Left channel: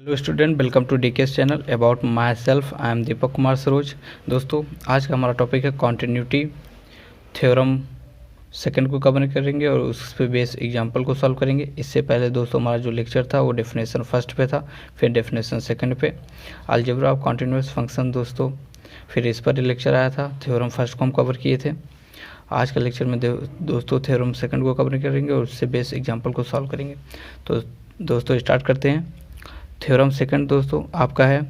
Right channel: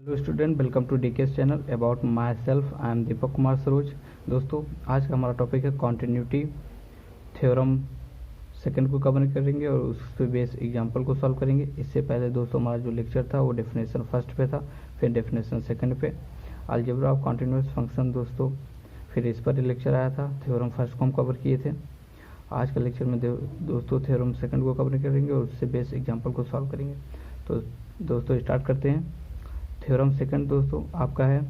Hello student, welcome to DKS channel. About my self, I am Deepak Kumar Saroj. दोस्तों, आज का हमारा टॉपिक है कॉन्टिन्यूटी थ्योरम सेकंड को कवर करेंगे और उस पर बेस एग्जांपल को सॉल्व करेंगे। इससे पहले दोस्तों हमारा जो लेक्चर था वो डेफिनेशन फर्स्ट पे था, फिर डेफिनेशन सेकंड पे अलजेब्रा ऑफ कॉन्टिन्यूअस फंक्शन दोस्तों, फिर इस पर लेक्चर आया था। थ्योरम फर्स्ट को हम कवर किए थे। आज का लेक्चर में दोस्तों थ्योरम सेकंड को कवर करेंगे और उससे बेस एग्जाम्पल को सॉल्व करेंगे। तो दोस्तों स्टार्ट करते हैं। थ्योरम सेकंड दोस्तों आपका है,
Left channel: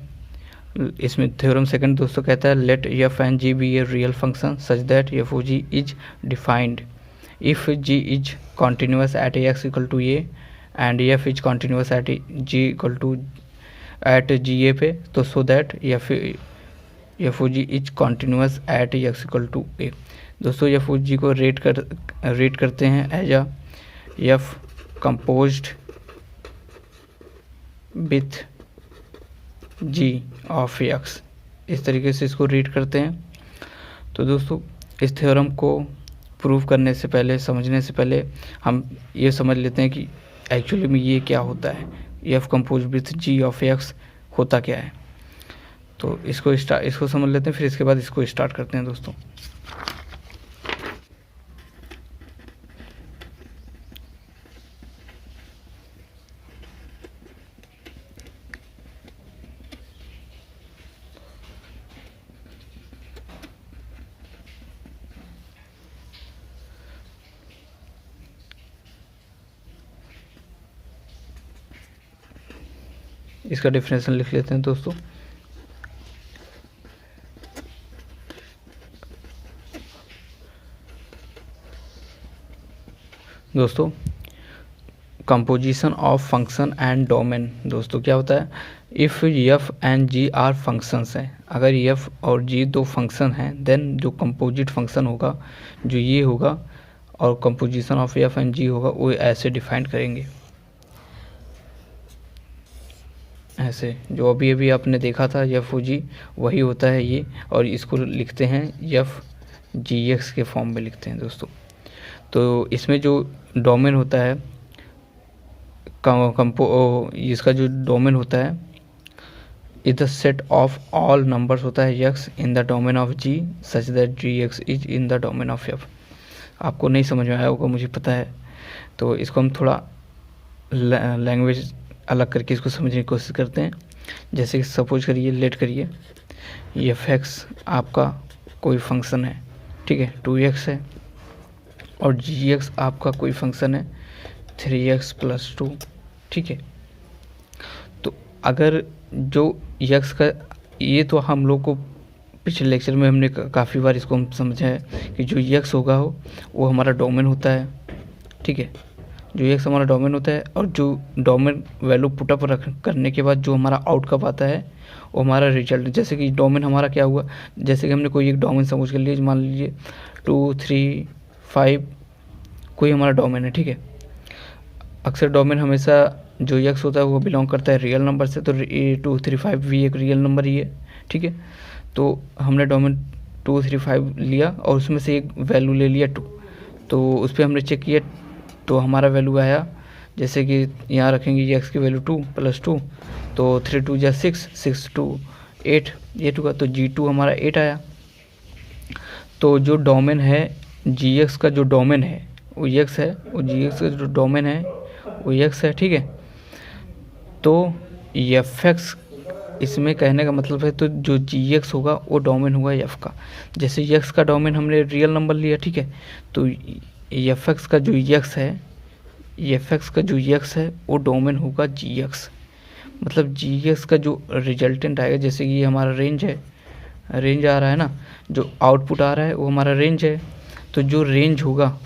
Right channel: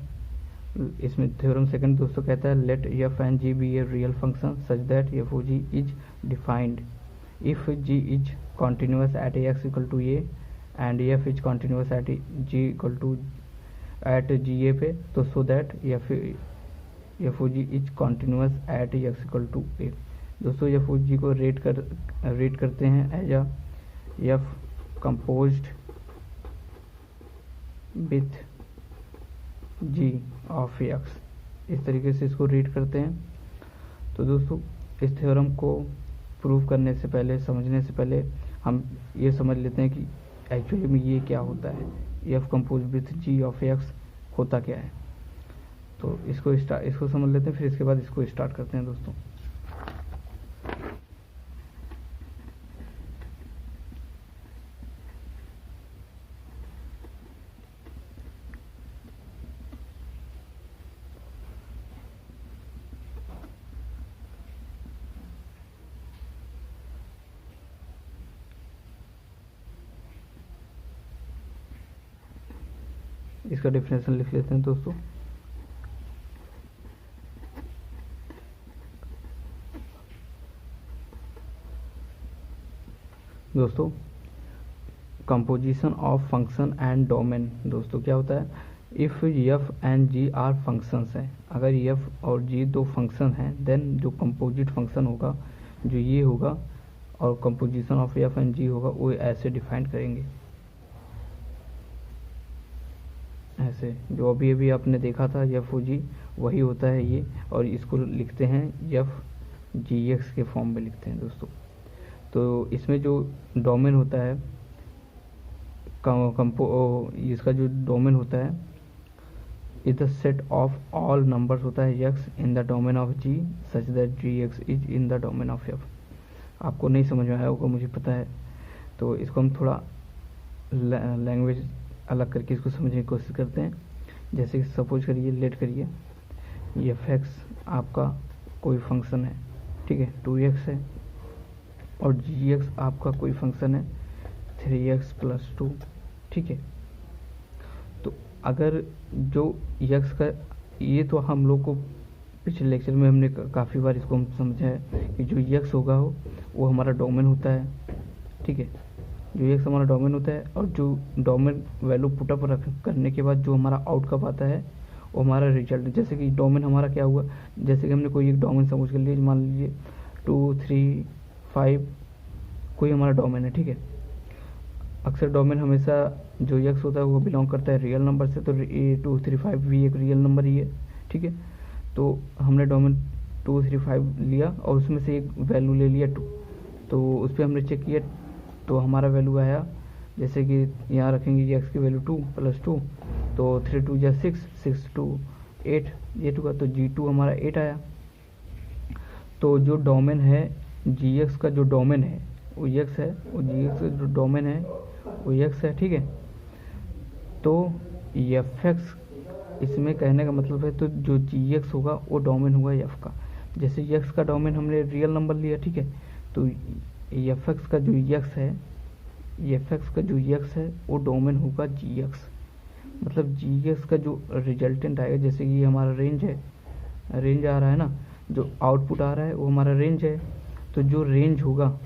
इसमें थ्योरम सेकंड दोस्तों कहता है let f and g be a real function such that f o g is defined if g is continuous at x equal to a and f is continuous at g equal to at g a पे, तो so that f o g is continuous at x equal to a. दोस्तों f o g को rate करते हैं as a f composed with ji of x, इस तरीके से इसको रीड करते हैं। तो दोस्तों इस थ्योरम को प्रूव करने से पहले, समझने से पहले हम ये समझ लेते हैं कि एक्चुअली में ये क्या होता है, F compose with ji of X होता क्या है। तो इसको समझ लेते हैं, फिर इसके बाद इसको स्टार्ट करते हैं दोस्तों। इसका डेफिनेशन लिख लेते हैं दोस्तों। दोस्तों composition of function and domain दोस्तों क्या होता है, if F and G are functions हैं, अगर एफ और जी दो फंक्शन हैं देन जो कंपोजिट फंक्शन होगा जो ये होगा और composition of f and g होगा वो ऐसे डिफाइन करेंगे, ऐसे जो अभी अभी आपने देखा था एफ ओ जी वही होता है ये, और इसको लिखते हैं एफ जी एक्स के फॉर्म में लिखते हैं दोस्तों। तो इसमें जो डोमेन होता है इसका जो डोमेन होता है is the set of all numbers होता है x in the domain of g such that g x is in the domain of f. आपको नहीं समझ में आया होगा मुझे पता है, तो इसको हम थोड़ा लैंग्वेज अलग करके इसको समझने की कोशिश करते हैं। जैसे कि सपोज करिए, लेट करिए एफ एक्स आपका कोई फंक्शन है, ठीक है, 2x है, और जी एक्स आपका कोई फंक्शन है 3x + 2, ठीक है। तो अगर जो x का, ये तो हम लोग को पिछले लेक्चर में हमने काफ़ी बार इसको हम समझा है कि जो x होगा वो हमारा डोमेन होता है, ठीक है, जो x हमारा डोमेन होता है, और जो डोमेन वैल्यू पुटअप करने के बाद जो हमारा आउटकम आता है वो हमारा रिजल्ट। जैसे कि डोमेन हमारा क्या हुआ, जैसे कि हमने कोई एक डोमेन समझ कर लिए, मान लीजिए 2 3 5 कोई हमारा डोमेन है, ठीक है। अक्सर डोमेन हमेशा जो एक्स होता है वो बिलोंग करता है रियल नंबर से, तो 2 3 5 भी एक रियल नंबर ही है, ठीक है। तो हमने डोमेन 2 3 5 लिया और उसमें से एक वैल्यू ले लिया 2, तो उस पर हमने चेक किया तो हमारा वैल्यू आया, जैसे कि यहाँ रखेंगे एक्स की वैल्यू 2 + 2, तो 3 2 जा 6, 6 2 8, ये 2 का, तो G2 हमारा 8 आया। तो जो डोमेन है जी एक्स का, जो डोमेन है वो एक्स है, वो जी एक्स का जो डोमेन है वो एक्स है, ठीक है। तो एफ एक्स, इसमें कहने का मतलब है तो जो जी एक्स होगा वो डोमेन होगा एफ का। जैसे एक्स का डोमेन हमने रियल नंबर लिया, ठीक है, तो एफ एक्स का जो एक्स है, एफ एक्स का जो एक्स है वो डोमेन होगा जी एक्स। मतलब जी एक्स का जो रिजल्टेंट आएगा, जैसे कि ये हमारा रेंज है, रेंज आ रहा है ना, जो आउटपुट आ रहा है वो हमारा रेंज है, तो जो रेंज होगा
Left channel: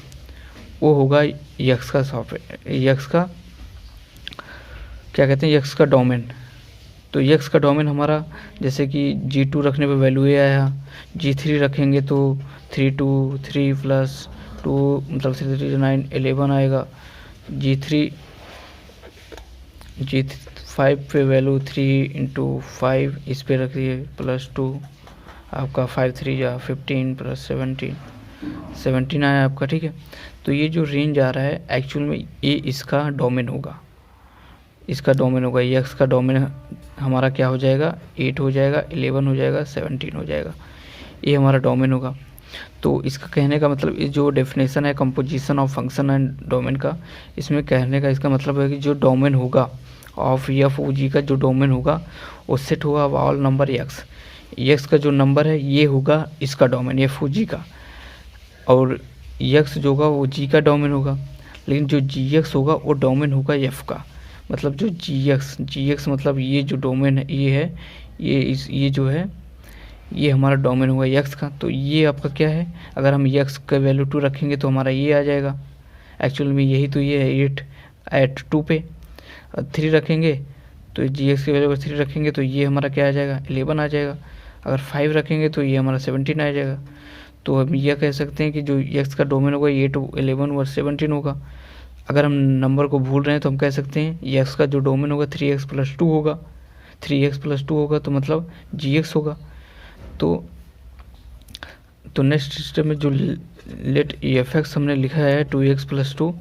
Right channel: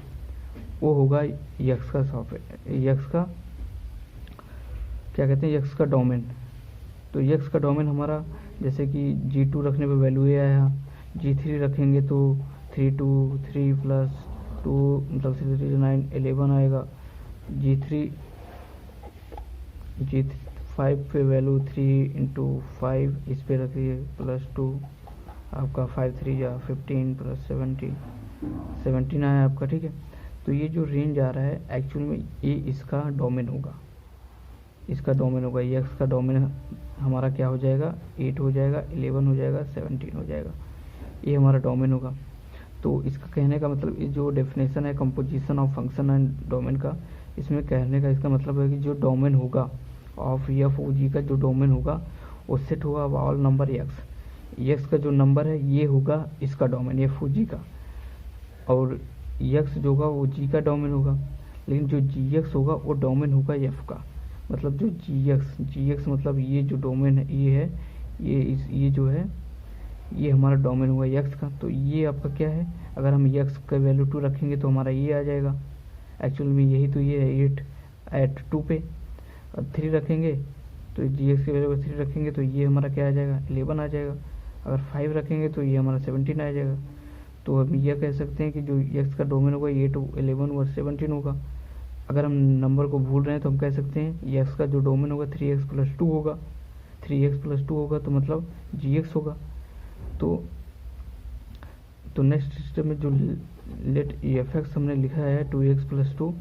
वो होगा एक्स का सॉफ्टवेयर, एक्स का क्या कहते हैं, एक्स का डोमेन। तो एक्स का डोमेन हमारा, जैसे कि G2 रखने पे वैल्यू ये आया, G3 रखेंगे तो 3 2 3 + 2 मतलब 3 3 9 11 आएगा। G5 पे वैल्यू 3 × 5 इस पे रखिए +2, आपका 5 3 या 15 + 17 आया आपका, ठीक है। तो ये जो रेंज आ रहा है एक्चुअल में ये इसका डोमेन होगा, इसका डोमेन होगा, यक्स का डोमेन हमारा क्या हो जाएगा, 8 हो जाएगा, 11 हो जाएगा, 17 हो जाएगा, ये हमारा डोमेन होगा। तो इसका कहने का मतलब ये जो डेफिनेशन है composition of function and domain का, इसमें कहने का इसका मतलब है कि जो डोमेन होगा ऑफ एफ ओ जी का, जो डोमेन होगा वो सेट होगा of all number x. X का जो नंबर है ये होगा इसका डोमेन एफ ओ जी का, और एक्स जो होगा वो जी का डोमेन होगा, लेकिन जो जी एक्स होगा वो डोमेन होगा एफ का। मतलब जो जी एक्स मतलब ये जो डोमेन है ये है, ये जो है ये हमारा डोमेन होगा यक्स का। तो ये आपका क्या है, अगर हम यक्स का वैल्यू 2 रखेंगे तो हमारा ये आ जाएगा, एक्चुअल में यही तो ये है 8 एट 2 पे। 3 रखेंगे तो जी एक्स के वैल्यू पर 3 रखेंगे तो ये हमारा क्या आ जाएगा, 11 आ जाएगा। अगर 5 रखेंगे तो ये हमारा 17 आ जाएगा। तो हम यह कह सकते हैं कि जो यक्स का डोमेन होगा 8, 11 और 17 होगा। अगर हम नंबर को भूल रहे हैं तो हम कह सकते हैं यक्स का जो डोमेन होगा 3x + 2 होगा, 3x + 2 होगा तो मतलब जी एक्स होगा। तो नेक्स्ट स्टेप में जो लेट एफ एक्स हमने लिखा है 2x + 2,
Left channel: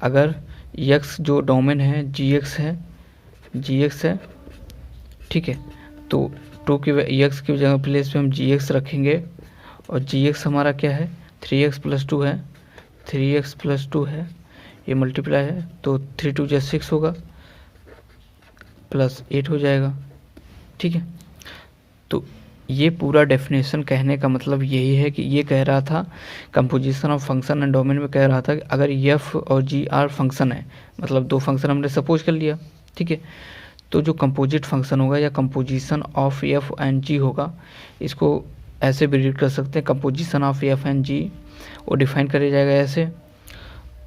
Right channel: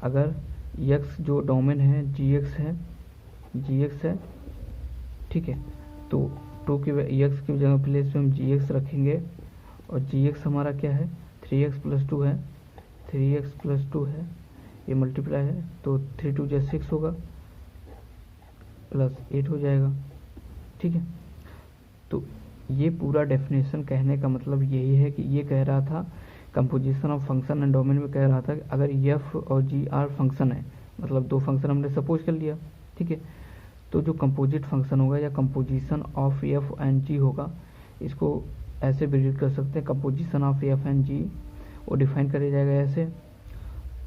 अगर x जो डोमेन है जी एक्स है, ठीक है, तो 2 की x की जगह प्लेस पे हम जी एक्स रखेंगे, और जी एक्स हमारा क्या है 3x + 2 है, 3x + 2 है, ये मल्टीप्लाई है तो 3 2 = 6 होगा +8 हो जाएगा, ठीक है। तो ये पूरा डेफिनेशन कहने का मतलब यही है कि ये कह रहा था composition of function and domain में कह रहा था कि अगर एफ और जी आर फंक्शन है, मतलब 2 फंक्शन हमने सपोज कर लिया, ठीक है, तो जो कंपोजिट फंक्शन होगा या composition of f and g होगा, इसको ऐसे भी रीड कर सकते हैं, composition of f and g वो डिफाइन किया जाएगा ऐसे,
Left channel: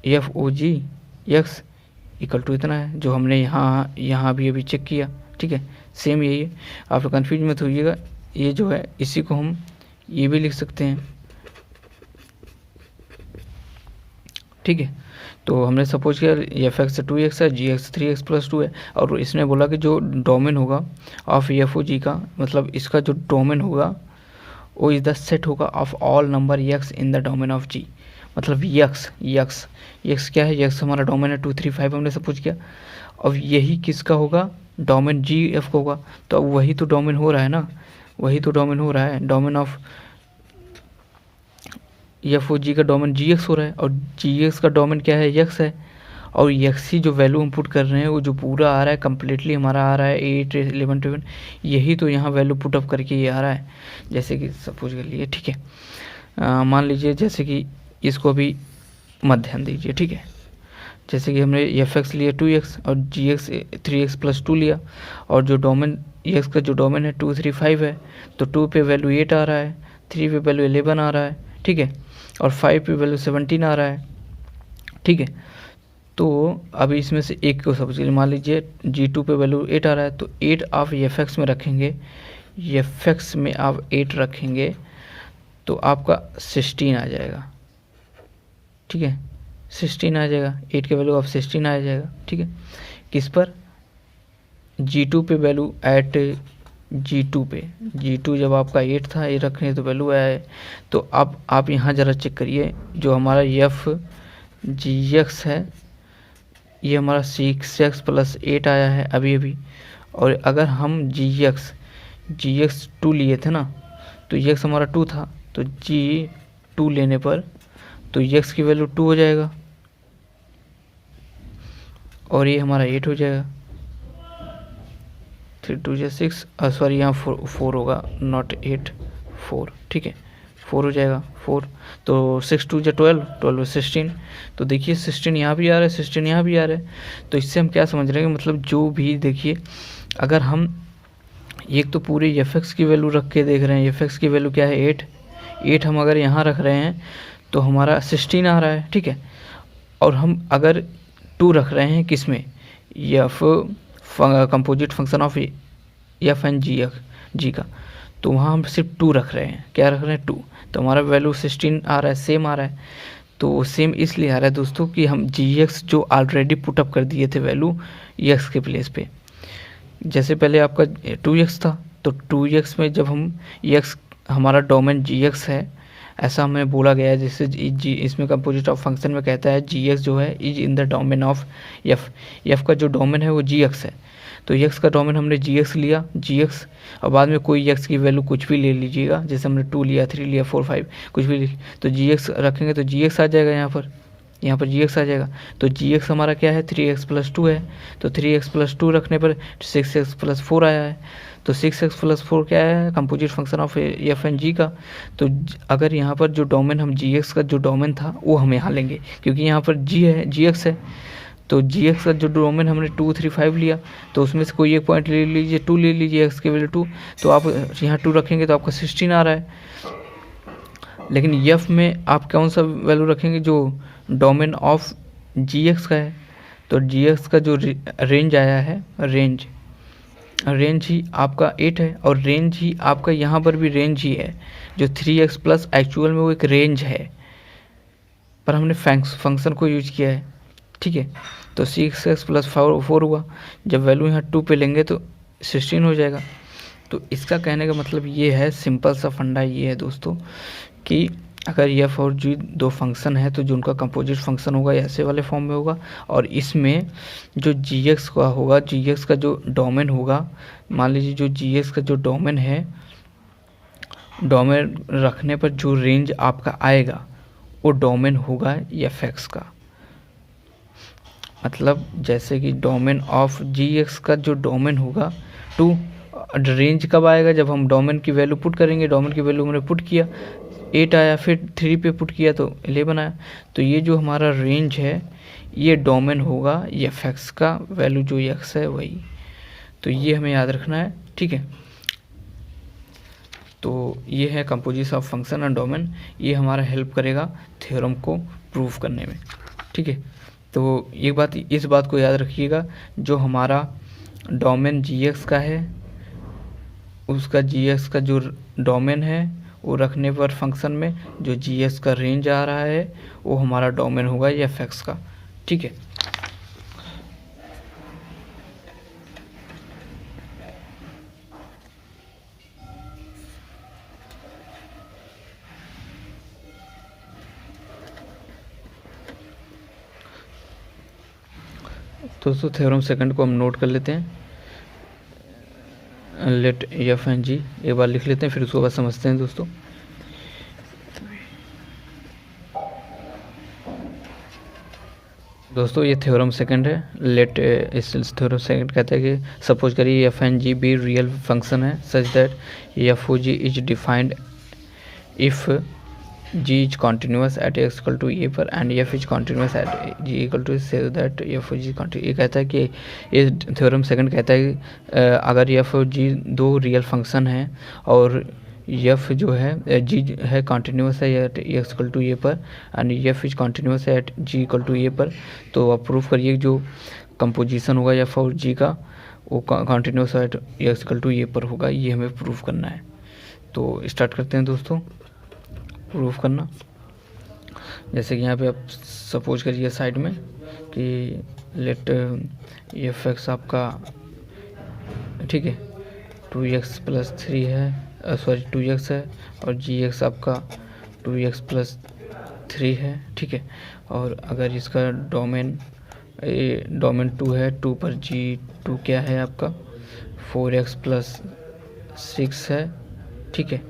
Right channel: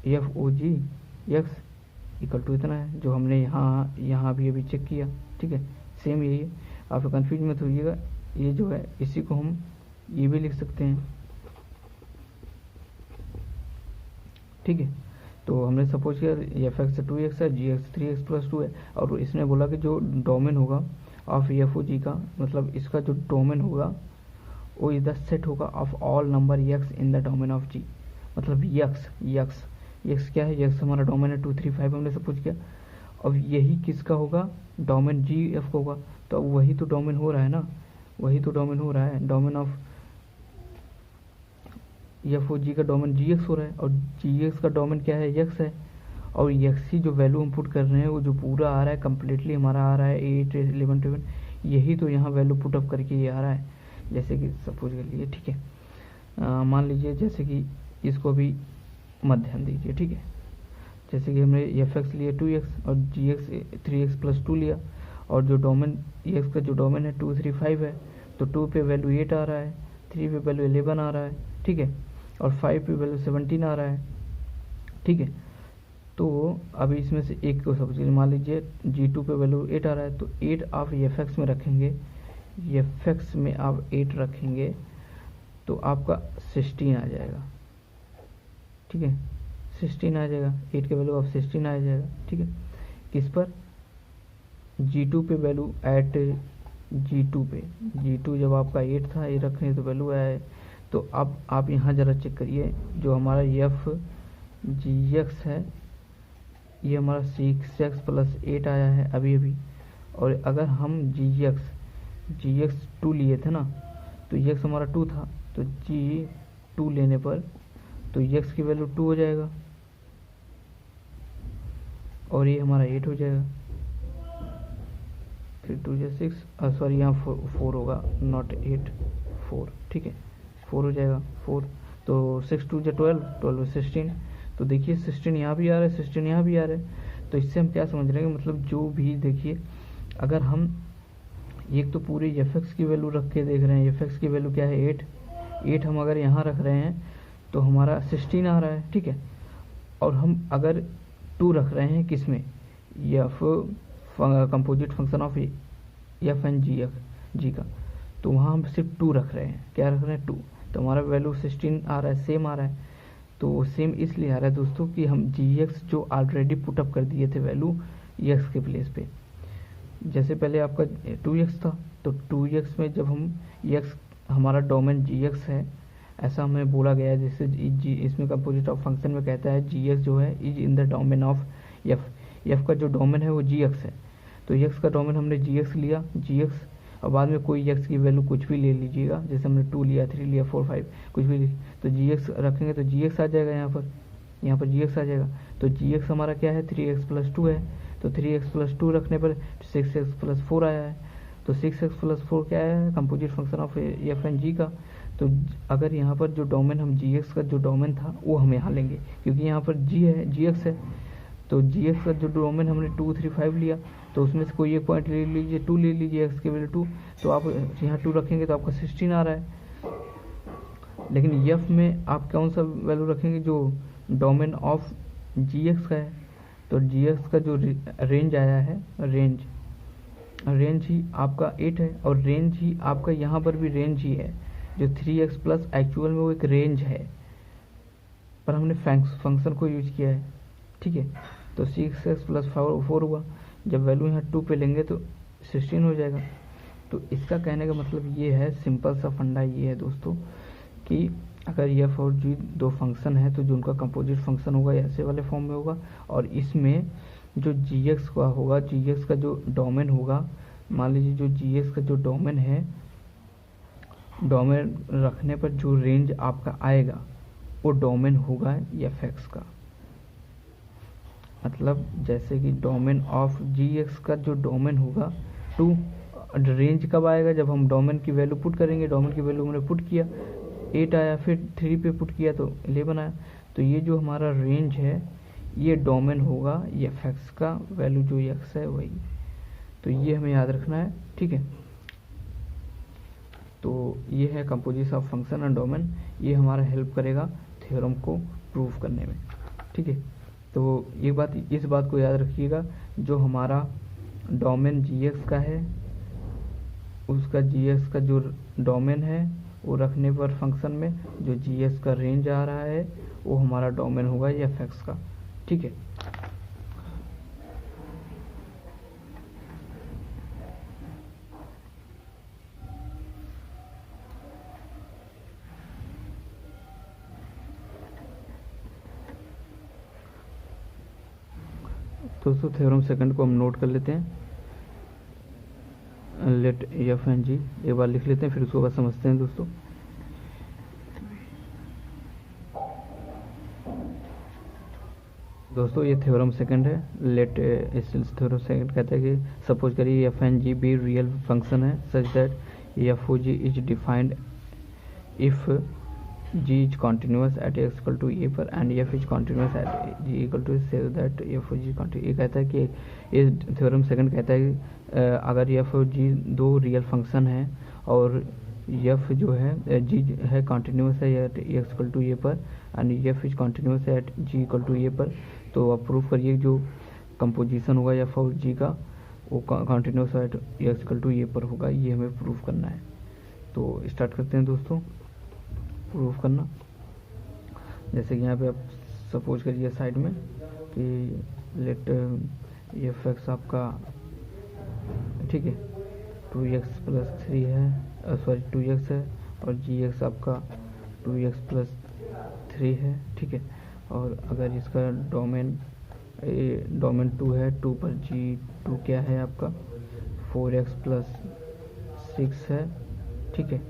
f o g x equal to इतना है, जो हमने यहाँ भी अभी चेक किया, ठीक है, सेम यही है। आप लोग कन्फ्यूज मत होइएगा, ये जो है इसी को हम ये भी लिख सकते हैं, ठीक है। तो हमने सपोज किया एफ एक्स 2x है, जी एक्स 3x + 2 है, और इसने बोला कि जो डोमेन होगा ऑफ एफ ओ जी का, मतलब इसका जो डोमेन होगा वो इज द सेट होगा of all number x in the domain of g. मतलब यक्स क्या है, यक्स हमारा डोमेन है 2 3 5 हमने सपोज किया, अब यही किसका होगा, डोमेन जी एफ का होगा। तो अब वही तो डोमेन हो रहा है ना, वही तो डोमेन हो रहा है, डोमेन ऑफ एफ ओ जी का डोमेन जी एक्स हो रहा है, और जी एक्स का डोमेन क्या है, यक्स है, और यक्स ही जो वैल्यू हम पुट कर रहे हैं वो जो पूरा आ रहा है कम्प्लीटली हमारा आ रहा है 8 11 12, यही तो यहाँ वैल्यू पुट अप करके ये आ रहा है। जैसे कि सपोज कर लिए, ठीक है, मान लीजिए जैसे कि इसको भी मत ध्यान दीजिए, ठीक है, जैसे कि हमने एफ एक्स लिया 2x और जी एक्स 3x + 2 लिया, और जो डोमेन एक्स का जो डोमेन है 2 3 5 है, तो 2 पे वैल्यू 8 आ रहा है, 3 पे वैल्यू 11 आ रहा है, ठीक है, और 5 पे वैल्यू 17 आ रहा है, ठीक है। तो अभी इसमें से एक को सपोज मान लीजिए G2 पे वैल्यू 8 आ रहा है, तो 8 आप एफ एक्स में रखेंगे, एफ एक्स में आप 8 रखेंगे तो आपका 16 आ जाएगा, ठीक है, 16 आ जाएगा, 8 के वैल्यू आप 16 आ जाएगा, ठीक है। किस पर, G2 पे वैल्यू एट G2 जब आपका 8 था, ये रखने तो वैल्यू आया है। तो अब आप यहाँ ज़रा चेक करिए, जो हमारा एफ जी एक्स है ये हमारा 6x + 8 आया है अभी, और अगर हम जी एक्स 2 लिए थे ना, तो एक्स हमारा 2 था, तो G2 लेने पर तो एक्स की वैल्यू 2 हो जाएगा, और ये हमारा 8 हो जाएगा, 3 2 = 6, सॉरी यहाँ 4 होगा, नॉट 8 4, ठीक है, 4 हो जाएगा 4, तो 6 2 = 12, 12 16, तो देखिए 16 यहाँ भी आ रहा है, 16 यहाँ भी आ रहा है। तो इससे हम क्या समझ रहे हैं, मतलब जो भी देखिए, अगर हम एक तो पूरे एफ एक्स की वैल्यू रख के देख रहे हैं, एफ एक्स की वैल्यू क्या है 8 हम अगर यहाँ रख रहे हैं तो हमारा 16 आ रहा है, ठीक है, और हम अगर 2 रख रहे हैं किस में, f composite function of f and g का, तो वहाँ हम सिर्फ 2 रख रहे हैं, क्या रख रहे हैं 2, तो हमारा वैल्यू 16 आ रहा है, सेम आ रहा है। तो सेम इसलिए आ रहा है दोस्तों कि हम जी एक्स जो ऑलरेडी पुटअप कर दिए थे वैल्यू एक्स के प्लेस पे, जैसे पहले आपका 2x था, तो 2x में जब हम एक्स हमारा डोमेन जी एक्स है, ऐसा हमें बोला गया है। जैसे जी इसमें कंपोजिट ऑफ फंक्शन में कहता है जी एक्स जो है is in the domain of F, F का जो डोमेन है वो जी एक्स है। तो एक्स का डोमेन हमने जी एक्स लिया, जी एक्स, और बाद में कोई एक्स की वैल्यू कुछ भी ले लीजिएगा, जैसे हमने 2 लिया, 3 लिया, 4 5 कुछ भी, तो जी एक्स रखेंगे तो जी एक्स आ जाएगा यहाँ पर जी एक्स आ जाएगा। तो जी एक्स हमारा क्या है, 3x+2 है। तो 3x+2 रखने पर 6x+4 आया है। तो 6x+4 क्या है, composite function of f and g का। तो अगर यहाँ पर जो डोमेन हम जी एक्स का जो डोमेन था वो हम यहाँ लेंगे, क्योंकि यहाँ पर जी है, जी एक्स है। तो जी एक्स का जो डोमेन हमने 2 3 5 लिया, तो उसमें से कोई एक पॉइंट ले लीजिए, 2 ले लीजिए, एक्स की वैल्यू 2, तो आप यहाँ 2 रखेंगे तो आपका 16 आ रहा है। लेकिन एफ में आप कौन सा वैल्यू रखेंगे, जो डोमेन ऑफ जी एक्स का है। तो जी एक्स का जो रेंज आया है, रेंज ही आपका 8 है, और रेंज ही आपका यहाँ पर भी रेंज ही है। जो 3x+ एक्चुअल में वो एक रेंज है, पर हमने फंक्शन को यूज किया है, ठीक है। तो 6x+4 हुआ, जब वैल्यू यहाँ 2 पे लेंगे तो 16 हो जाएगा। तो इसका कहने का मतलब ये है, सिंपल सा फंडा ये है दोस्तों, कि अगर एफ और जी दो फंक्शन है तो जो उनका कंपोजिट फंक्शन होगा ऐसे वाले फॉर्म में होगा, और इसमें जो जी एक्स का होगा, जी एक्स का जो डोमेन होगा, मान लीजिए जो जी एक्स का जो डोमेन है, डोमेन रखने पर जो रेंज आपका आएगा वो डोमेन होगा एफ एक्स का। मतलब जैसे कि डोमेन ऑफ जी एक्स का जो डोमेन होगा 2, रेंज कब आएगा, जब हम डोमेन की वैल्यू पुट करेंगे। डोमेन की वैल्यू हमने पुट किया, 8 आया, फिर 3 पे पुट किया तो 11 आया। तो ये जो हमारा रेंज है ये डोमेन होगा एफ एक्स का, वैल्यू जो एक्स है वही। तो ये हमें याद रखना है, ठीक है। तो ये है composition of function and domain, ये हमारा हेल्प करेगा थ्योरम को प्रूव करने में, ठीक है। तो एक बात, इस बात को याद रखिएगा, जो हमारा डोमेन जी एक्स का है, उसका जी एक्स का जो डोमेन है वो रखने पर फंक्शन में जो जी एक्स का रेंज आ रहा है वो हमारा डोमेन होगा एफ एक्स का, ठीक है। दोस्तों थ्योरम सेकंड को हम नोट कर लेते हैं। लेट एफ एंड जी एक बार लिख लेते हैं, फिर उसको बाद समझते हैं दोस्तों। दोस्तों ये थ्योरम सेकंड है। लेट, इस थ्योरम सेकंड कहता है कि सपोज करिए f and g be real function है such that f o g is defined if g is continuous at x equal to a पर and f is continuous at g equal to से that f o g continuous. ये कहता है कि ये theorem second कहता है कि अगर एफ और जी दो रियल फंक्शन हैं और एफ जो है जी है कॉन्टिन्यूस है at x equal to a पर एंड एफ इज कॉन्टिन्यूस है at g equal to a पर, तो आप प्रूफ करिए जो कंपोजिशन होगा एफ और जी का वो continuous at x equal to a पर होगा। ये हमें प्रूफ करना है। तो स्टार्ट करते हैं दोस्तों प्रूफ करना। जैसे कि यहाँ पे आप सपोज करिए साइड में कि लेट एफ एक्स आपका, ठीक है, 2x+3 है, सॉरी 2x है, और जी एक्स आपका 2x+3 है, ठीक है। और अगर इसका डोमेन 2 है, 2 पर g2 क्या है आपका 4x+6 है, ठीक है।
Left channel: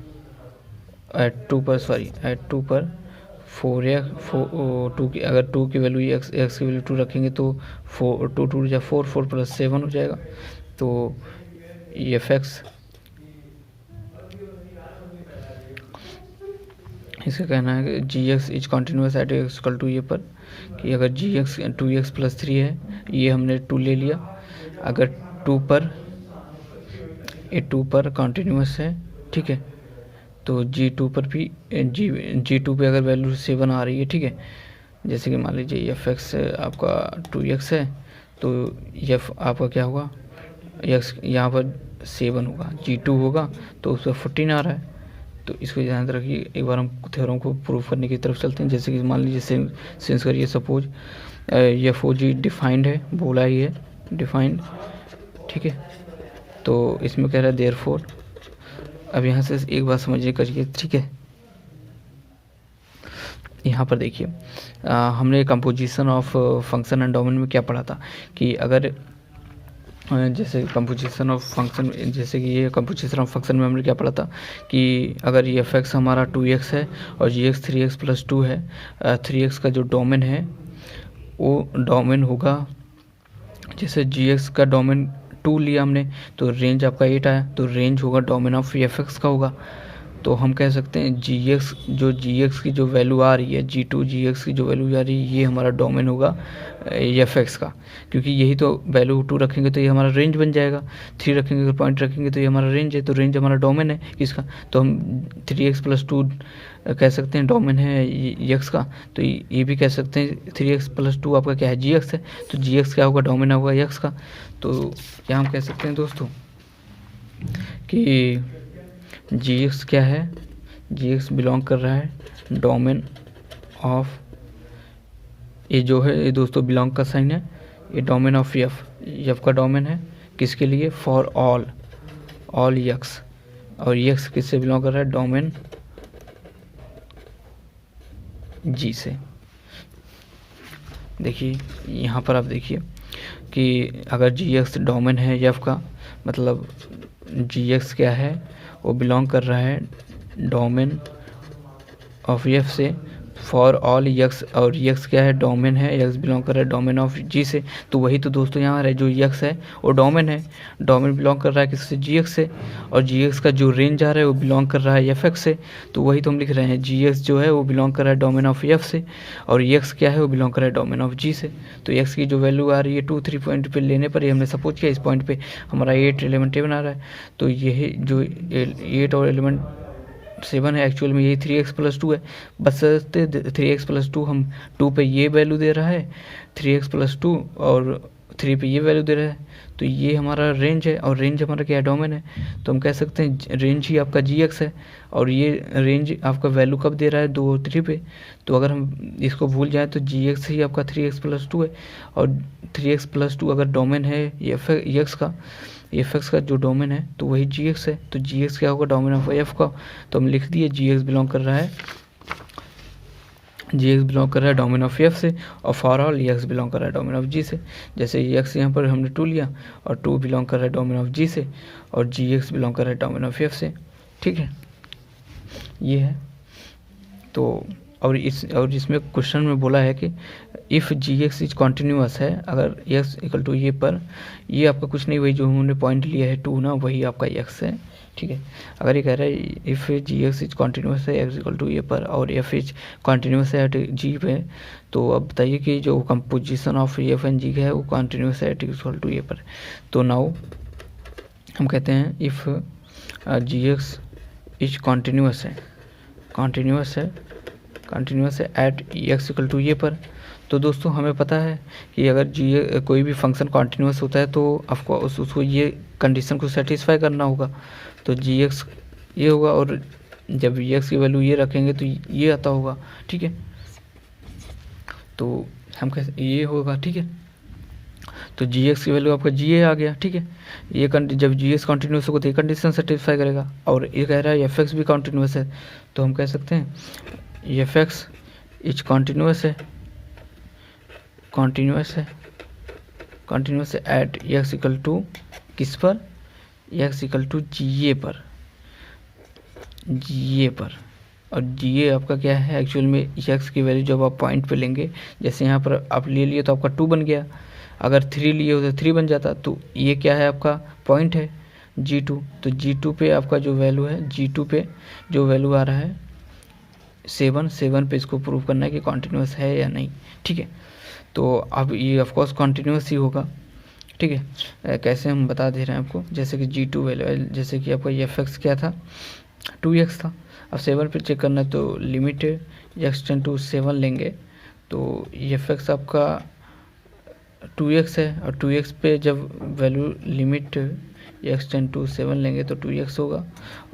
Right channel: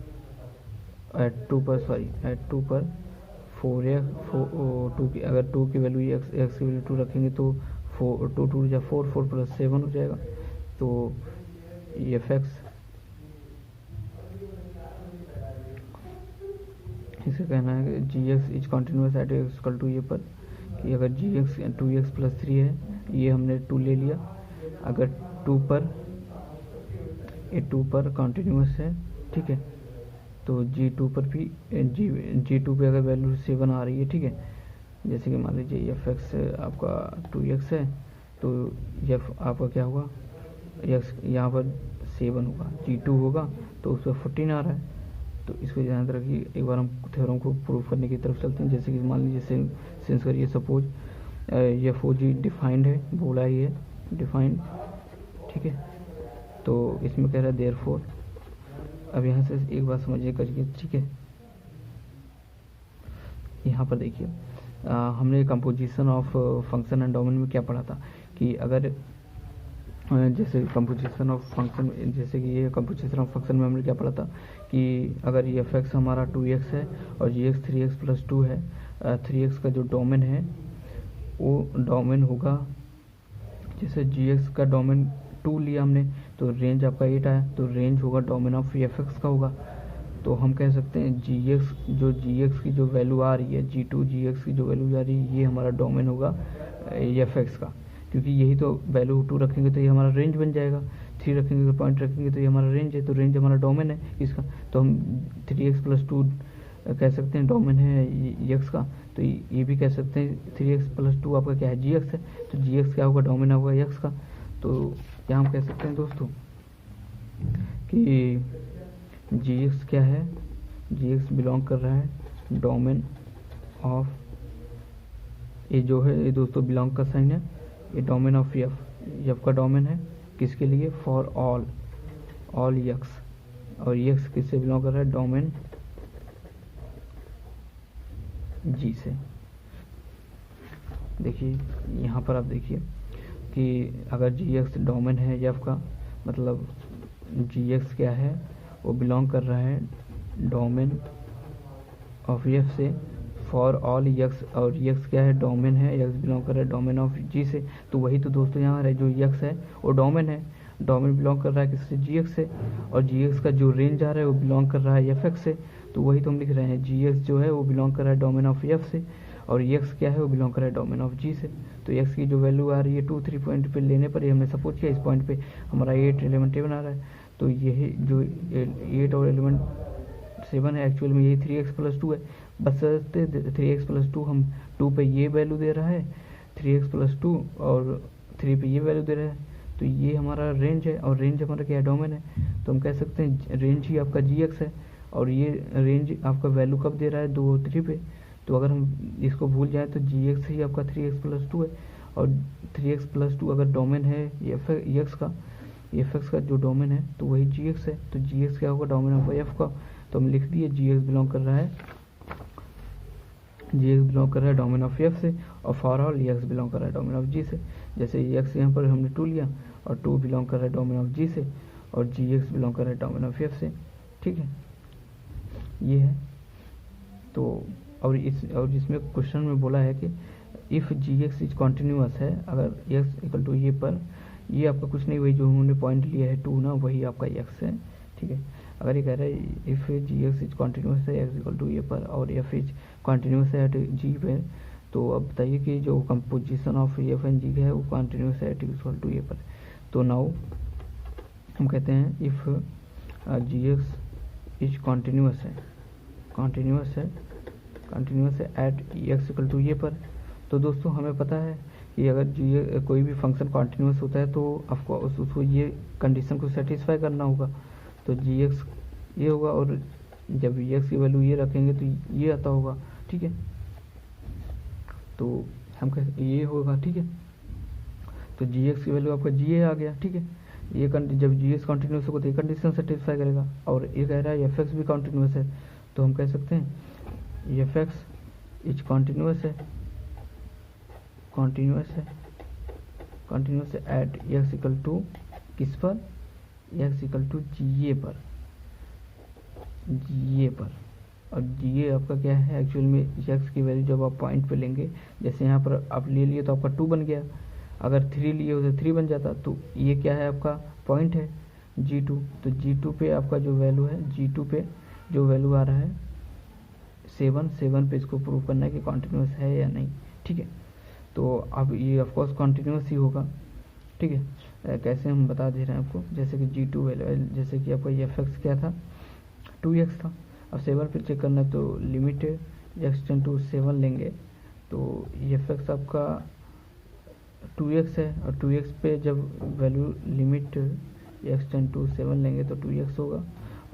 एट 2 पर 2 की अगर 2 की वैल्यू एक्स की वैल्यू 2 रखेंगे तो 4 हो जाएगा। तो एफ एक्स इसका कहना है कि g x is continuous at x equal to a पर, कि अगर जी एक्स 2x+3 है, ये हमने 2 ले लिया, अगर 2 पर कॉन्टिन्यूस है, ठीक है, तो G2 पर भी G2 पे अगर वैल्यू 7 आ रही है, ठीक है, जैसे कि मान लीजिए एफ एक्स आपका 2x है, तो एफ आपका क्या होगा, एक्स यहाँ पर 7 होगा, G2 होगा तो उस पर 14 आ रहा है। तो इसको ध्यान रखिए। एक बार हम थ्योरम को प्रूफ करने की तरफ चलते हैं। जैसे कि मान लीजिए सेंस करिए, सपोज एफ ओ जी डिफाइंड है, बोला ही है डिफाइंड, ठीक है। तो इसमें कह रहा है देयरफॉर, अब यहाँ से एक बात समझिए करिए, ठीक है, यहाँ पर देखिए हमने composition of function and domain में क्या पढ़ा था कि अगर जैसे कंपोजिशन ऑफ फंक्शन, जैसे कि ये कंपोजिशन ऑफ फंक्शन में हमने क्या पढ़ा था कि अगर ये एफ एक्स हमारा 2x है और जी एक्स 3x प्लस 2 है, 3x का जो डोमेन है वो डोमेन होगा, जैसे जी एक्स का डोमेन 2 लिया हमने तो रेंज आपका 8 आया, तो रेंज होगा डोमेन ऑफ एफ एक्स का होगा। तो हम कह सकते हैं जी एक्स की जो वैल्यू आ रही है, G2 जी एक्स की जो वैल्यू आ रही है, ये हमारा डोमेन होगा एफ एक्स का, क्योंकि यही तो वैल्यू 2 रखेंगे तो ये हमारा रेंज बन जाएगा, 3 रखेंगे तो पॉइंट रखेंगे तो ये हमारा रेंज है, तो रेंज हमारा डोमेन है किसका, तो हम 3x प्लस 2 कह सकते हैं डोमेन है एक्स का, तो ये भी कह सकते हैं 3x प्लस 2 आपका क्या है जी एक्स है, तो जी एक्स क्या होगा डोमेन होगा एक्स का। तो क्या हम कह सकते हैं दोस्तों कि जी एक्स क्या है, जी एक्स बिलोंग कर रहा है डोमेन ऑफ, ये जो है ये दोस्तों बिलोंग का साइन है, ये डोमेन ऑफ एफ का डोमेन है किसके लिए, फॉर ऑल एक्स, और एक्स किससे बिलोंग कर रहा है, डोमेन जी से। देखिए यहाँ पर आप देखिए कि अगर जी एक्स डोमेन है एफ का, मतलब जी एक्स क्या है, वो बिलोंग कर रहा है डोमेन ऑफ एफ से फॉर ऑल एक्स, और एक्स क्या है डोमेन है, एक्स बिलोंग कर रहा है डोमेन ऑफ जी से। तो वही तो दोस्तों यहाँ है, जो एक्स है वो डोमेन है, डोमेन बिलोंग कर रहा है किससे, जी एक्स से, और जी एक्स का जो रेंज आ रहा है वो बिलोंग कर रहा है एफ एक्स से। तो वही तो हम लिख रहे हैं, जी एक्स जो है वो बिलोंग कर रहा है डोमेन ऑफ एफ से, और एक्स क्या है वो बिलोंग कर रहा है डोमेन ऑफ जी से। तो एक्स की जो वैल्यू आ रही है 2 3 पॉइंट पे लेने पर, ये हमने सपोज किया इस पॉइंट पे हमारा 8 एलिमेंट बना रहा है, तो यही जो 8 और एलिमेंट 7 है, एक्चुअल में यही 3x प्लस 2 है, बस 3x प्लस 2 हम 2 पे ये वैल्यू दे रहा है, 3x प्लस 2 और 3 पे ये वैल्यू दे रहा है, तो ये हमारा रेंज है, और रेंज हमारा क्या है, डोमेन है। तो हम कह सकते हैं रेंज ही आपका जी एक्स है, और ये रेंज आपका वैल्यू कब दे रहा है, 2 और 3 पे। तो अगर हम इसको भूल जाएँ तो जी एक्स ही आपका 3x प्लस 2 है, और 3x प्लस 2 अगर डोमेन है एफ एक्स का, एफ एक्स का जो डोमेन है तो वही जी एक्स है, तो जी एक्स क्या होगा, डोमेन ऑफ एफ का। तो हम लिख दिए जी एक्स बिलोंग कर रहा है, जी एक्स बिलोंग कर रहा है डोमेन ऑफ एफ से, और फॉर ऑल एक्स बिलोंग कर रहा है डोमेन ऑफ जी से। जैसे एक्स यहाँ पर हमने 2 लिया, और 2 बिलोंग कर रहा है डोमेन ऑफ जी से, और जी एक्स बिलोंग कर रहा है डोमेन ऑफ एफ से। ठीक है, ये है। तो और इसमें क्वेश्चन में बोला है कि if g x is continuous है, अगर एक्स इक्वल टू ये पर, ये आपका कुछ नहीं, वही जो हमने पॉइंट लिया है 2 ना, वही आपका एक्स है। ठीक है, अगर ये कह रहा है if g x is continuous है एक्स इक्वल टू ये पर, और एफ इज कॉन्टीन्यूअस है एट जी पे, तो अब बताइए कि जो composition of f and g है वो कॉन्टीन्यूअस है एट इक्वल टू ये पर। तो नाउ हम कहते हैं if g x is continuous है एट एक्स इक्वल टू ये पर। तो दोस्तों हमें पता है कि अगर जी कोई भी फंक्शन कॉन्टीन्यूअस होता है तो आपको उसको ये कंडीशन को सेटिस्फाई करना होगा, तो जी एक्स ये होगा, और जब वी एक्स की वैल्यू ये रखेंगे तो ये आता होगा। ठीक है, तो हम कैसे ये होगा। ठीक है, तो जी एक्स की वैल्यू आपका जी ए आ गया। ठीक है, ये जब जी एक्स कॉन्टीन्यूस होगा तो ये कंडीशन सेटिस्फाई करेगा, और ये कह रहा है एफ एक्स भी कॉन्टीन्यूस है, तो हम कह सकते हैं एफ एक्स इज कॉन्टीन्यूस है एट एक्स इक्वल टू किस पर, एक्स इक्वल टू जी ए पर, और जी ए आपका क्या है, एक्चुअल में एक्स की वैल्यू जब आप पॉइंट पे लेंगे, जैसे यहाँ पर आप ले लिए तो आपका 2 बन गया, अगर 3 लिए हो तो 3 बन जाता, तो ये क्या है आपका पॉइंट है G2, तो G2 पे आपका जो वैल्यू है, G2 पे जो वैल्यू आ रहा है 7 पे इसको प्रूव करना है कि कॉन्टीन्यूस है या नहीं। ठीक है, तो अब ये ऑफकोर्स कॉन्टीन्यूस ही होगा। ठीक है, कैसे हम बता दे रहे हैं आपको, जैसे कि G2 वैल्यू, जैसे कि आपका एफ एक्स क्या था 2x था, अब 7 पे चेक करना है तो लिमिट एक्स टेंड टू 7 लेंगे, तो एफ एक्स आपका 2x है, और 2x पे जब value limit x tend to 7 लेंगे तो 2x होगा,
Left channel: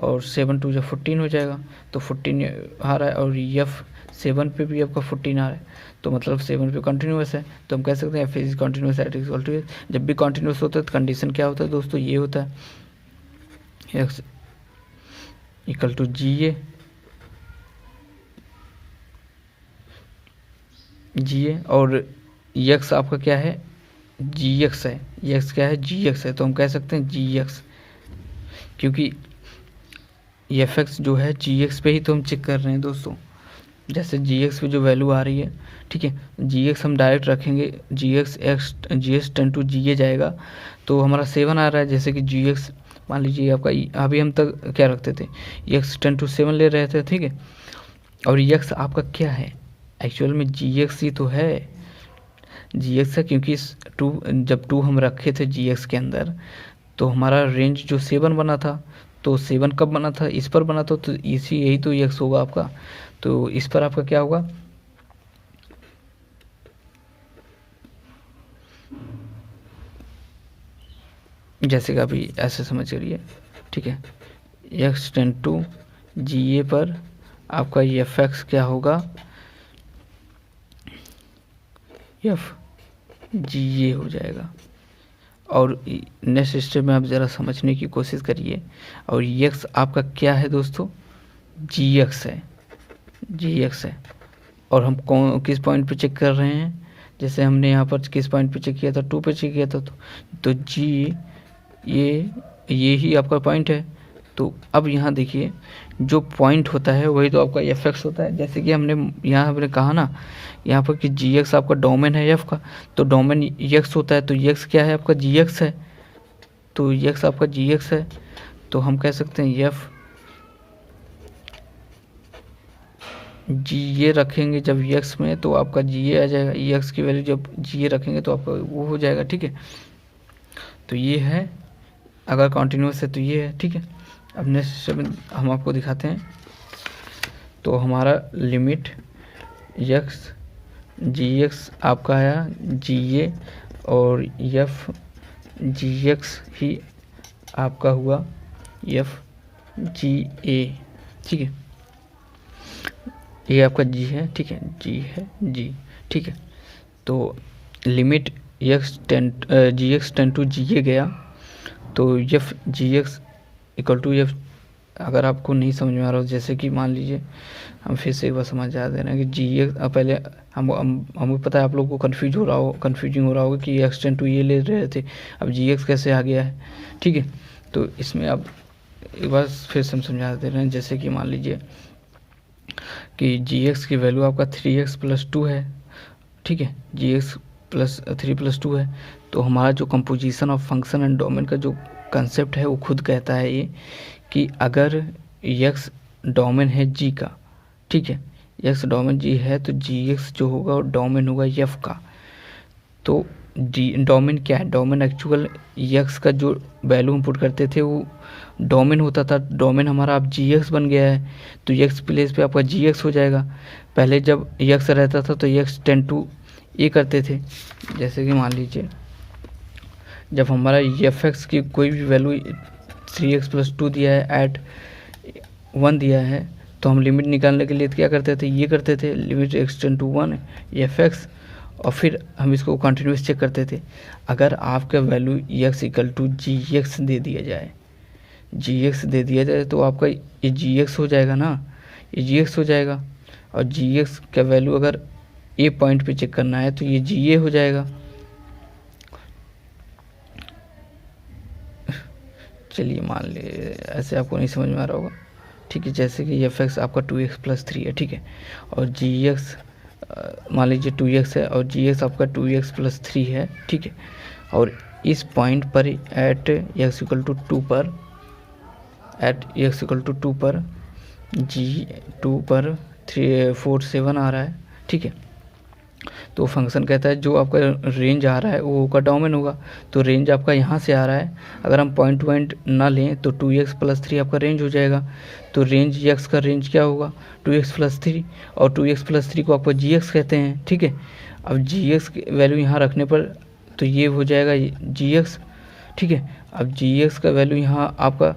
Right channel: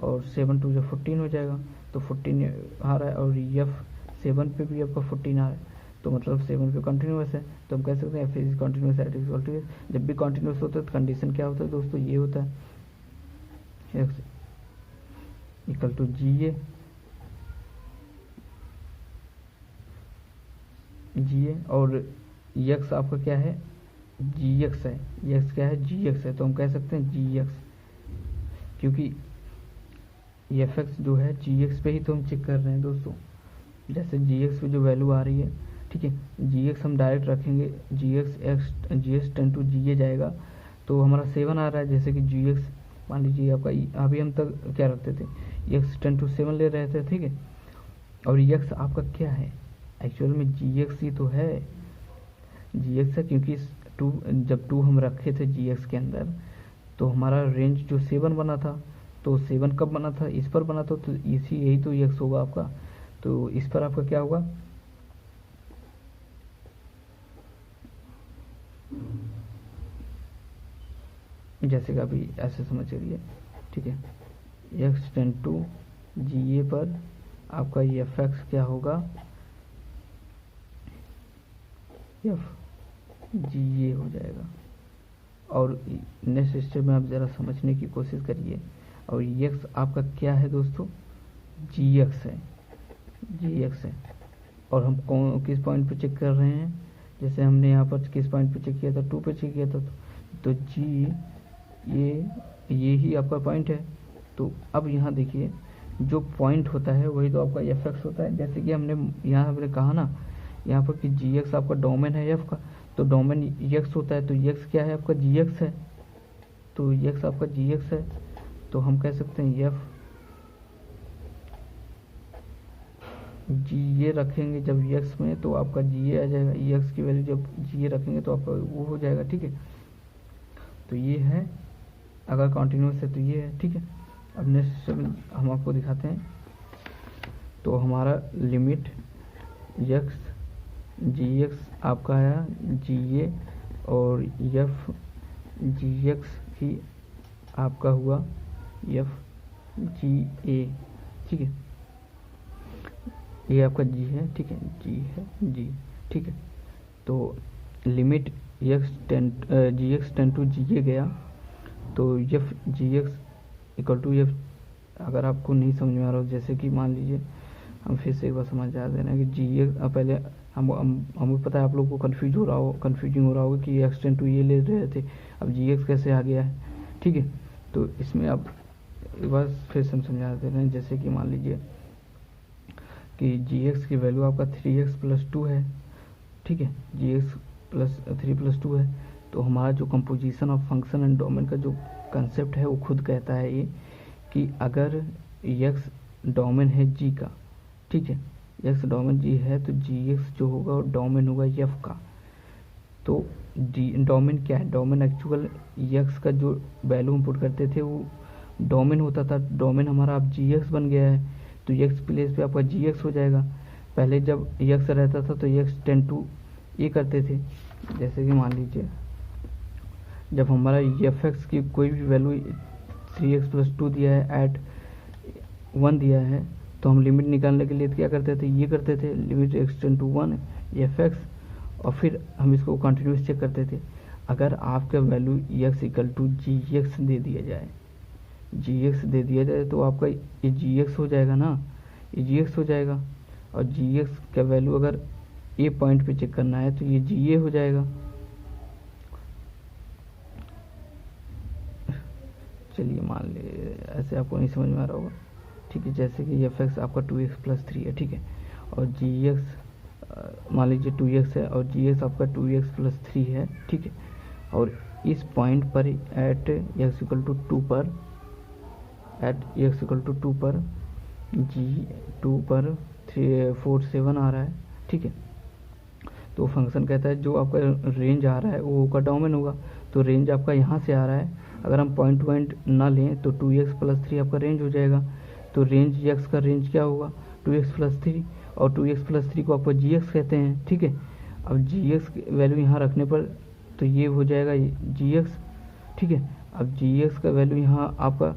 और 7 टू जब 14 हो जाएगा तो 14 आ रहा है, और एफ 7 पे भी आपका 14 आ रहा है, तो मतलब 7 पे कंटिन्यूस है, तो हम कह सकते हैं f is continuous at equal to. जब भी कंटिन्यूस होता है तो कंडीशन क्या होता है दोस्तों, ये होता है एक्स इक्वल टू जी ए जी ए, और यक्स आपका क्या है, जी एक्स है, यक्स क्या है, जी एक्स है, तो हम कह सकते हैं जी एक्स, क्योंकि एफ एक्स जो है जी एक्स पे ही तो हम चेक कर रहे हैं दोस्तों। जैसे जी एक्स पे जो वैल्यू आ रही है, ठीक है, जी एक्स हम डायरेक्ट रखेंगे, जी एक्स टेन टू जी ए जाएगा, तो हमारा 7 आ रहा है, जैसे कि जी एक्स मान लीजिए आपका अभी हम तक क्या रखते थे, एक्स 10 to 7 ले रहे थे, ठीक है, और एक्स आपका क्या है, एक्चुअल में जी एक्स ही तो है, जी एक्स है, क्योंकि जब 2 हम रखे थे जी एक्स के अंदर, तो हमारा रेंज जो 7 बना था, तो 7 कब बना था, इस पर बना था, तो इसी यही तो एक्स होगा आपका, तो इस पर आपका क्या होगा, जैसे कि अभी ऐसे समझ करिए, ठीक है, एक्स टेन टू जी ए पर आपका एफ एक्स क्या होगा, एफ जी ए हो जाएगा। और नेक्स्ट स्टेप में आप ज़रा समझने की कोशिश करिए, और एक्स आपका क्या है दोस्तों, जी एक्स है, जी एक्स है, और हम कौन किस पॉइंट पे चेक कर रहे हैं, जैसे हमने यहाँ पर किस पॉइंट पे चेक किया था, 2 पे चेक किया था, तो जी ये ही आपका पॉइंट है। तो अब यहाँ देखिए, जो पॉइंट होता है वही तो आपका एफ एक्स होता है, जैसे कि हमने कहा ना यहाँ पर कि जी एक्स आपका डोमेन है एफ का, तो डोमेन एक्स होता है, तो एक्स क्या है आपका, जी एक्स है, तो एक्स आपका जी एक्स है, तो हम कह सकते हैं एफ जी ए रखेंगे जब एक्स में, तो आपका जी ए आ जाएगा, एक्स की वैल्यू जब जी ए रखेंगे तो आपका वो हो जाएगा, ठीक है, तो ये है, अगर कॉन्टिन्यूस है तो ये है, ठीक है। अब नेक्स्ट हम आपको दिखाते हैं, तो हमारा लिमिट एक्स जी एक्स आपका आया जी ए, और एफ जी एक्स ही आपका हुआ एफ जी ए, ठीक है, ये आपका जी है, ठीक है, जी है, जी, ठीक है, तो limit x tend to g ए गया, तो f g x equal to f, अगर आपको नहीं समझ में आ रहा हो, जैसे कि मान लीजिए हम फिर से एक बार समझा दे रहे हैं कि जी एक्स, पहले हमें पता है आप लोगों को कन्फ्यूजिंग हो रहा होगा कि एक्स टेन टू ये ले रहे थे, अब जी एक्स कैसे आ गया है, ठीक है, तो इसमें अब एक बार फिर से हम समझा दे रहे हैं, जैसे कि मान लीजिए कि जी एक्स की वैल्यू आपका 3x + 2 है, ठीक है, जी एक्स प्लस 3 + 2 है, तो हमारा जो composition of function and domain का जो कंसेप्ट है वो खुद कहता है ये कि अगर x डोमेन है g का, ठीक है, x डोमेन g है, तो gx जो होगा वो डोमेन होगा f का, तो डोमेन क्या है, डोमेन एक्चुअल x का जो वैल्यू हम पुट करते थे वो डोमेन होता था, डोमेन हमारा अब gx बन गया है, तो x प्लेस पे आपका gx हो जाएगा, पहले जब x रहता था तो x टेन टू ए करते थे, जैसे कि मान लीजिए जब हमारा एफ एक्स की कोई भी वैल्यू 3x + 2 दिया है एट 1 दिया है, तो हम लिमिट निकालने के लिए क्या करते थे, ये करते थे limit x tend to 1 f x, और फिर हम इसको कंटिन्यूस चेक करते थे। अगर आपका value x equal to g x दे दिया जाए, जी एक्स दे दिया जाए, तो आपका ये जी एक्स हो जाएगा ना, ये जी एक्स हो जाएगा, और जी एक्स का वैल्यू अगर ए पॉइंट पे चेक करना है तो ये जी ए हो जाएगा। चलिए मान ले ऐसे आपको नहीं समझ में आ रहा होगा, ठीक है, जैसे कि एफ एक्स आपका 2x + 3 है, ठीक है, और जी एक्स मान लीजिए 2x है, और जी एक्स आपका 2x + 3 है, ठीक है, और इस पॉइंट पर एट x = 2 पर, एट x = 2 पर जी 2 पर 3 4 7 आ रहा है, ठीक है, तो फंक्शन कहता है जो आपका रेंज आ रहा है वो होगा डोमेन होगा, तो रेंज आपका यहाँ से आ रहा है, अगर हम पॉइंट टू पॉइंट ना लें तो 2x + 3 आपका रेंज हो जाएगा, तो रेंज x का रेंज क्या होगा 2x + 3, और 2x + 3 को आपका gx कहते हैं, ठीक है, अब gx की वैल्यू यहाँ रखने पर तो ये हो जाएगा gx, ठीक है, अब gx का वैल्यू यहाँ आपका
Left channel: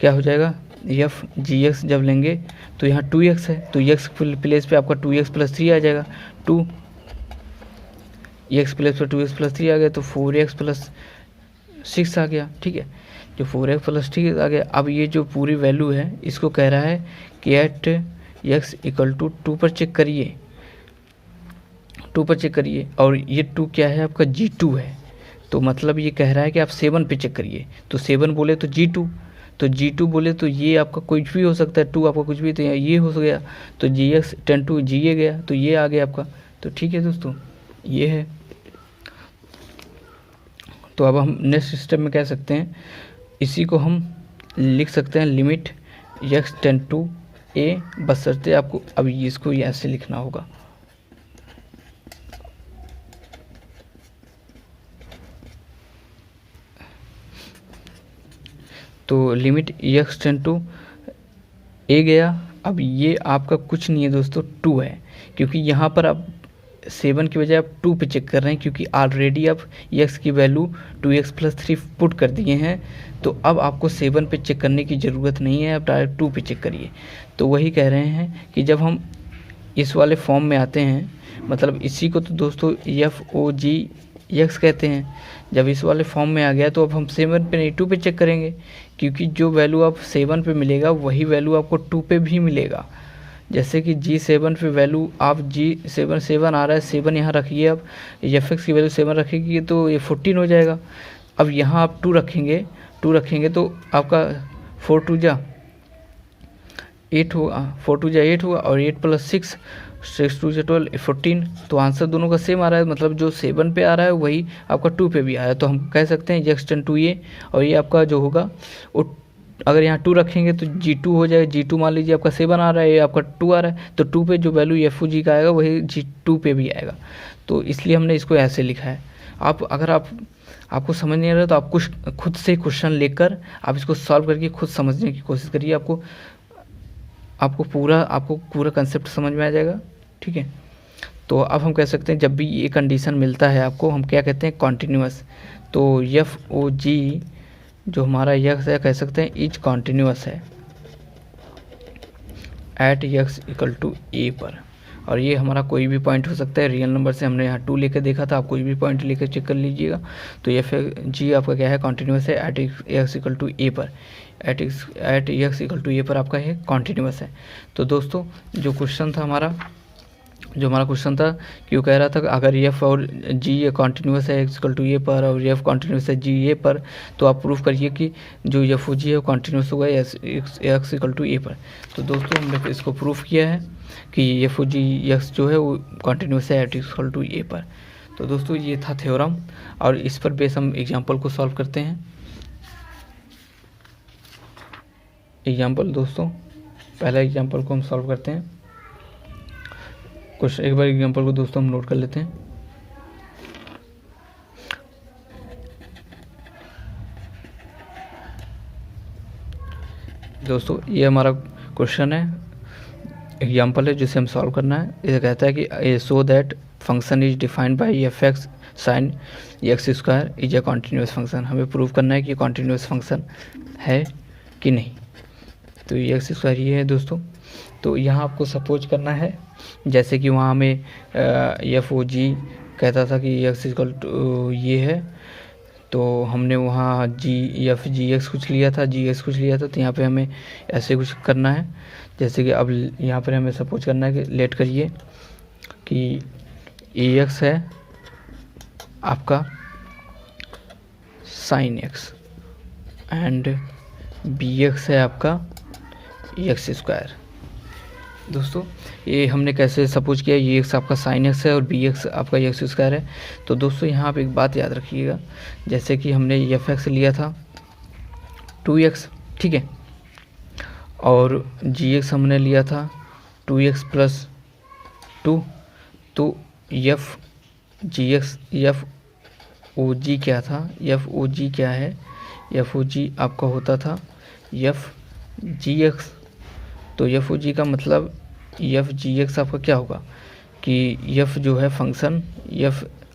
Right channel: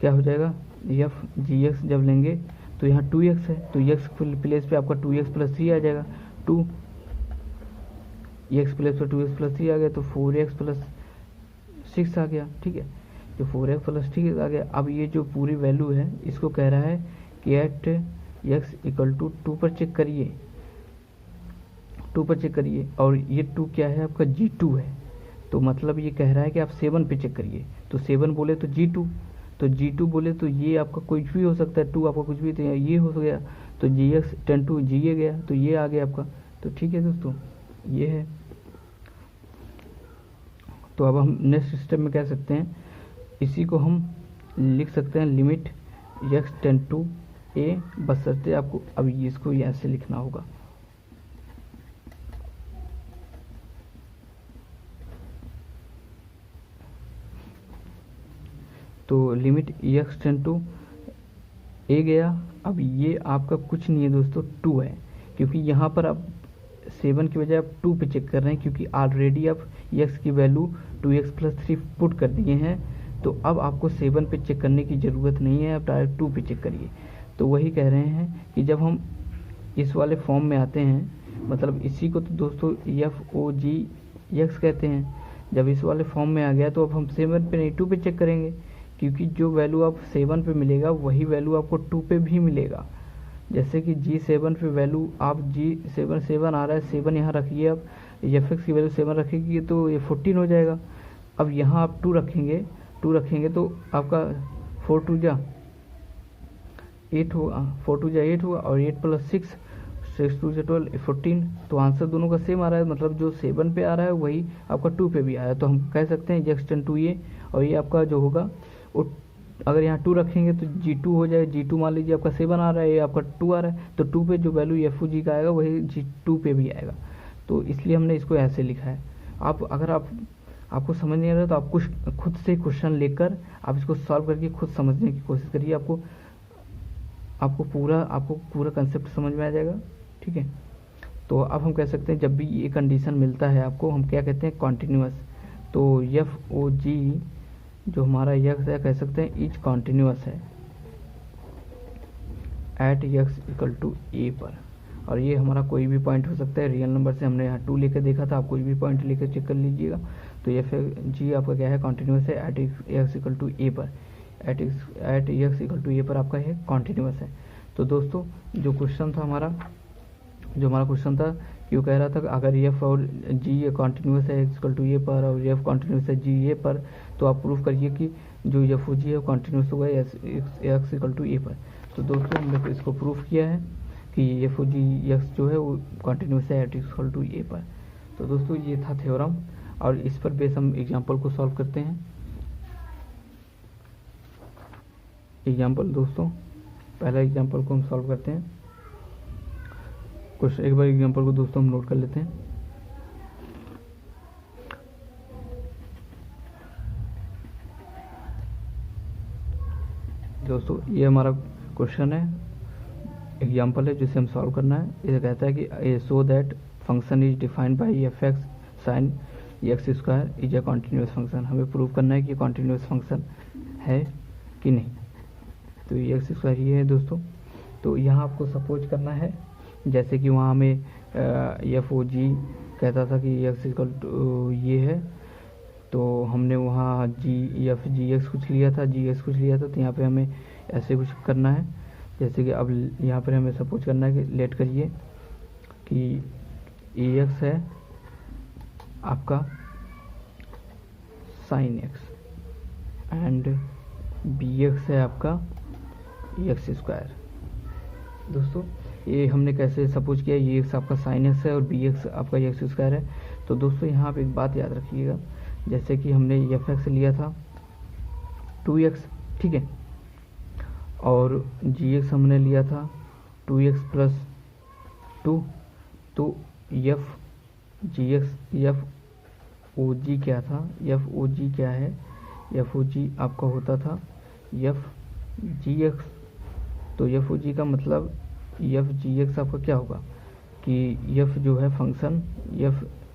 क्या हो जाएगा एफ gx जब लेंगे तो यहाँ 2x है, तो x प्लेस पे आपका 2x + 3 आ जाएगा, 2 एक्स प्लेस पर 2x + 3 आ गया, तो 4x + 6 आ गया, ठीक है, जो 4x + 6 आ गया। अब ये जो पूरी वैल्यू है इसको कह रहा है कि एट x = 2 पर चेक करिए, 2 पर चेक करिए, और ये 2 क्या है आपका G2 है, तो मतलब ये कह रहा है कि आप 7 पे चेक करिए। तो 7 बोले तो G2, तो G2 बोले तो ये आपका कुछ भी हो सकता है, 2 आपका कुछ भी, तो यहाँ ये हो गया, तो GX 10 to GA गया, तो ये आ गया आपका। तो ठीक है दोस्तों, ये है। तो अब हम नेक्स्ट स्टेप में कह सकते हैं, इसी को हम लिख सकते हैं limit x tend to a, बशर्ते आपको अब इसको ऐसे लिखना होगा। तो limit x tend to a गया। अब ये आपका कुछ नहीं है दोस्तों, 2 है, क्योंकि यहाँ पर आप 7 की बजाय आप 2 पे चेक कर रहे हैं, क्योंकि ऑलरेडी आप x की वैल्यू 2x + 3 पुट कर दिए हैं। तो अब आपको 7 पे चेक करने की ज़रूरत नहीं है, आप डायरेक्ट 2 पे चेक करिए। तो वही कह रहे हैं कि जब हम इस वाले फॉर्म में आते हैं, मतलब इसी को तो दोस्तों FOGX कहते हैं। जब इस वाले फॉर्म में आ गया तो अब हम 7 पे नहीं 2 पे चेक करेंगे, क्योंकि जो वैल्यू आप 7 पे मिलेगा वही वैल्यू आपको 2 पे भी मिलेगा। जैसे कि G7 पे वैल्यू आप G7 आ रहा है, 7 यहाँ रखिए, आप FX की वैल्यू 7 रखेगी तो ये 14 हो जाएगा। अब यहाँ आप 2 रखेंगे तो आपका 4 2 जा 8 होगा, 4 2 जा 8 होगा, और 8 + 6 6 2 12 14। तो आंसर दोनों का सेम आ रहा है, मतलब जो 7 पे आ रहा है वही आपका 2 पे भी आ रहा है। तो हम कह सकते हैं x टेंड टू a, और ये आपका जो होगा वो, अगर यहाँ 2 रखेंगे तो G2 हो जाएगा। G2 मान लीजिए आपका 7 आ रहा है, ये आपका 2 आ रहा है, तो 2 पे जो वैल्यू FOG का आएगा वही G2 पे भी आएगा। तो इसलिए हमने इसको ऐसे लिखा है। अगर आपको समझ नहीं आ रहा तो आप कुछ खुद से क्वेश्चन लेकर आप इसको सॉल्व करके खुद समझने की कोशिश करिए, आपको पूरा कंसेप्ट समझ में आ जाएगा। ठीक है, तो अब हम कह सकते हैं जब भी ये कंडीशन मिलता है आपको, हम क्या कहते हैं, कॉन्टिन्यूअस। तो FOG जो हमारा यक्स है, कह सकते हैं इज कॉन्टिन्यूअस है एट x = a पर। और ये हमारा कोई भी पॉइंट हो सकता है, रियल नंबर से हमने यहाँ 2 लेकर देखा था, आप कोई भी पॉइंट लेकर चेक कर लीजिएगा। तो FG आपका क्या है, कॉन्टिन्यूअस है एट x = a पर, एट x = a पर आपका ये कॉन्टिन्यूअस है। तो दोस्तों जो हमारा क्वेश्चन था कि वो कह रहा था कि अगर F और G ये कॉन्टिन्यूअस है x = a पर और F कॉन्टिन्यूअस है G a पर, तो आप प्रूफ करिए कि जो FOG है वो कॉन्टिन्यूअस होगा x = a पर। तो दोस्तों हमने इसको प्रूफ किया है कि FOG x जो है वो कॉन्टिन्यूअस है एट x = a पर। तो दोस्तों ये था थ्योरम, और इस पर बेस हम एग्जाम्पल को सॉल्व करते हैं। एग्जाम्पल दोस्तों, पहला एग्जाम्पल को हम सॉल्व करते हैं। कुछ एक बार एग्जाम्पल को दोस्तों हम नोट कर लेते हैं। दोस्तों ये हमारा क्वेश्चन है, एग्जाम्पल है जिसे हम सॉल्व करना है। ये कहता है कि so that function is defined by fx sin x² is a continuous function. हमें प्रूव करना है कि कॉन्टिन्यूअस फंक्शन है कि नहीं। तो ये x² ये है दोस्तों। तो यहाँ आपको सपोज करना है, जैसे कि वहाँ हमें FOG कहता था कि x = ये है, तो हमने वहाँ GX कुछ लिया था, तो यहाँ पे हमें ऐसे कुछ करना है। जैसे कि अब यहाँ पर हमें सपोज करना है कि लेट करिए कि AX है आपका sin x एंड BX है आपका x²। दोस्तों ये हमने कैसे सपोज किया, ये x आपका sin x है और BX आपका x² है। तो दोस्तों यहाँ आप एक बात याद रखिएगा, जैसे कि हमने FX लिया था 2x, ठीक है, और GX हमने लिया था 2x + 2। तो FOG क्या था, FOG क्या है, FOG आपका होता था FGX। तो FOG का मतलब FGX आपका क्या होगा कि F जो है फंक्शन,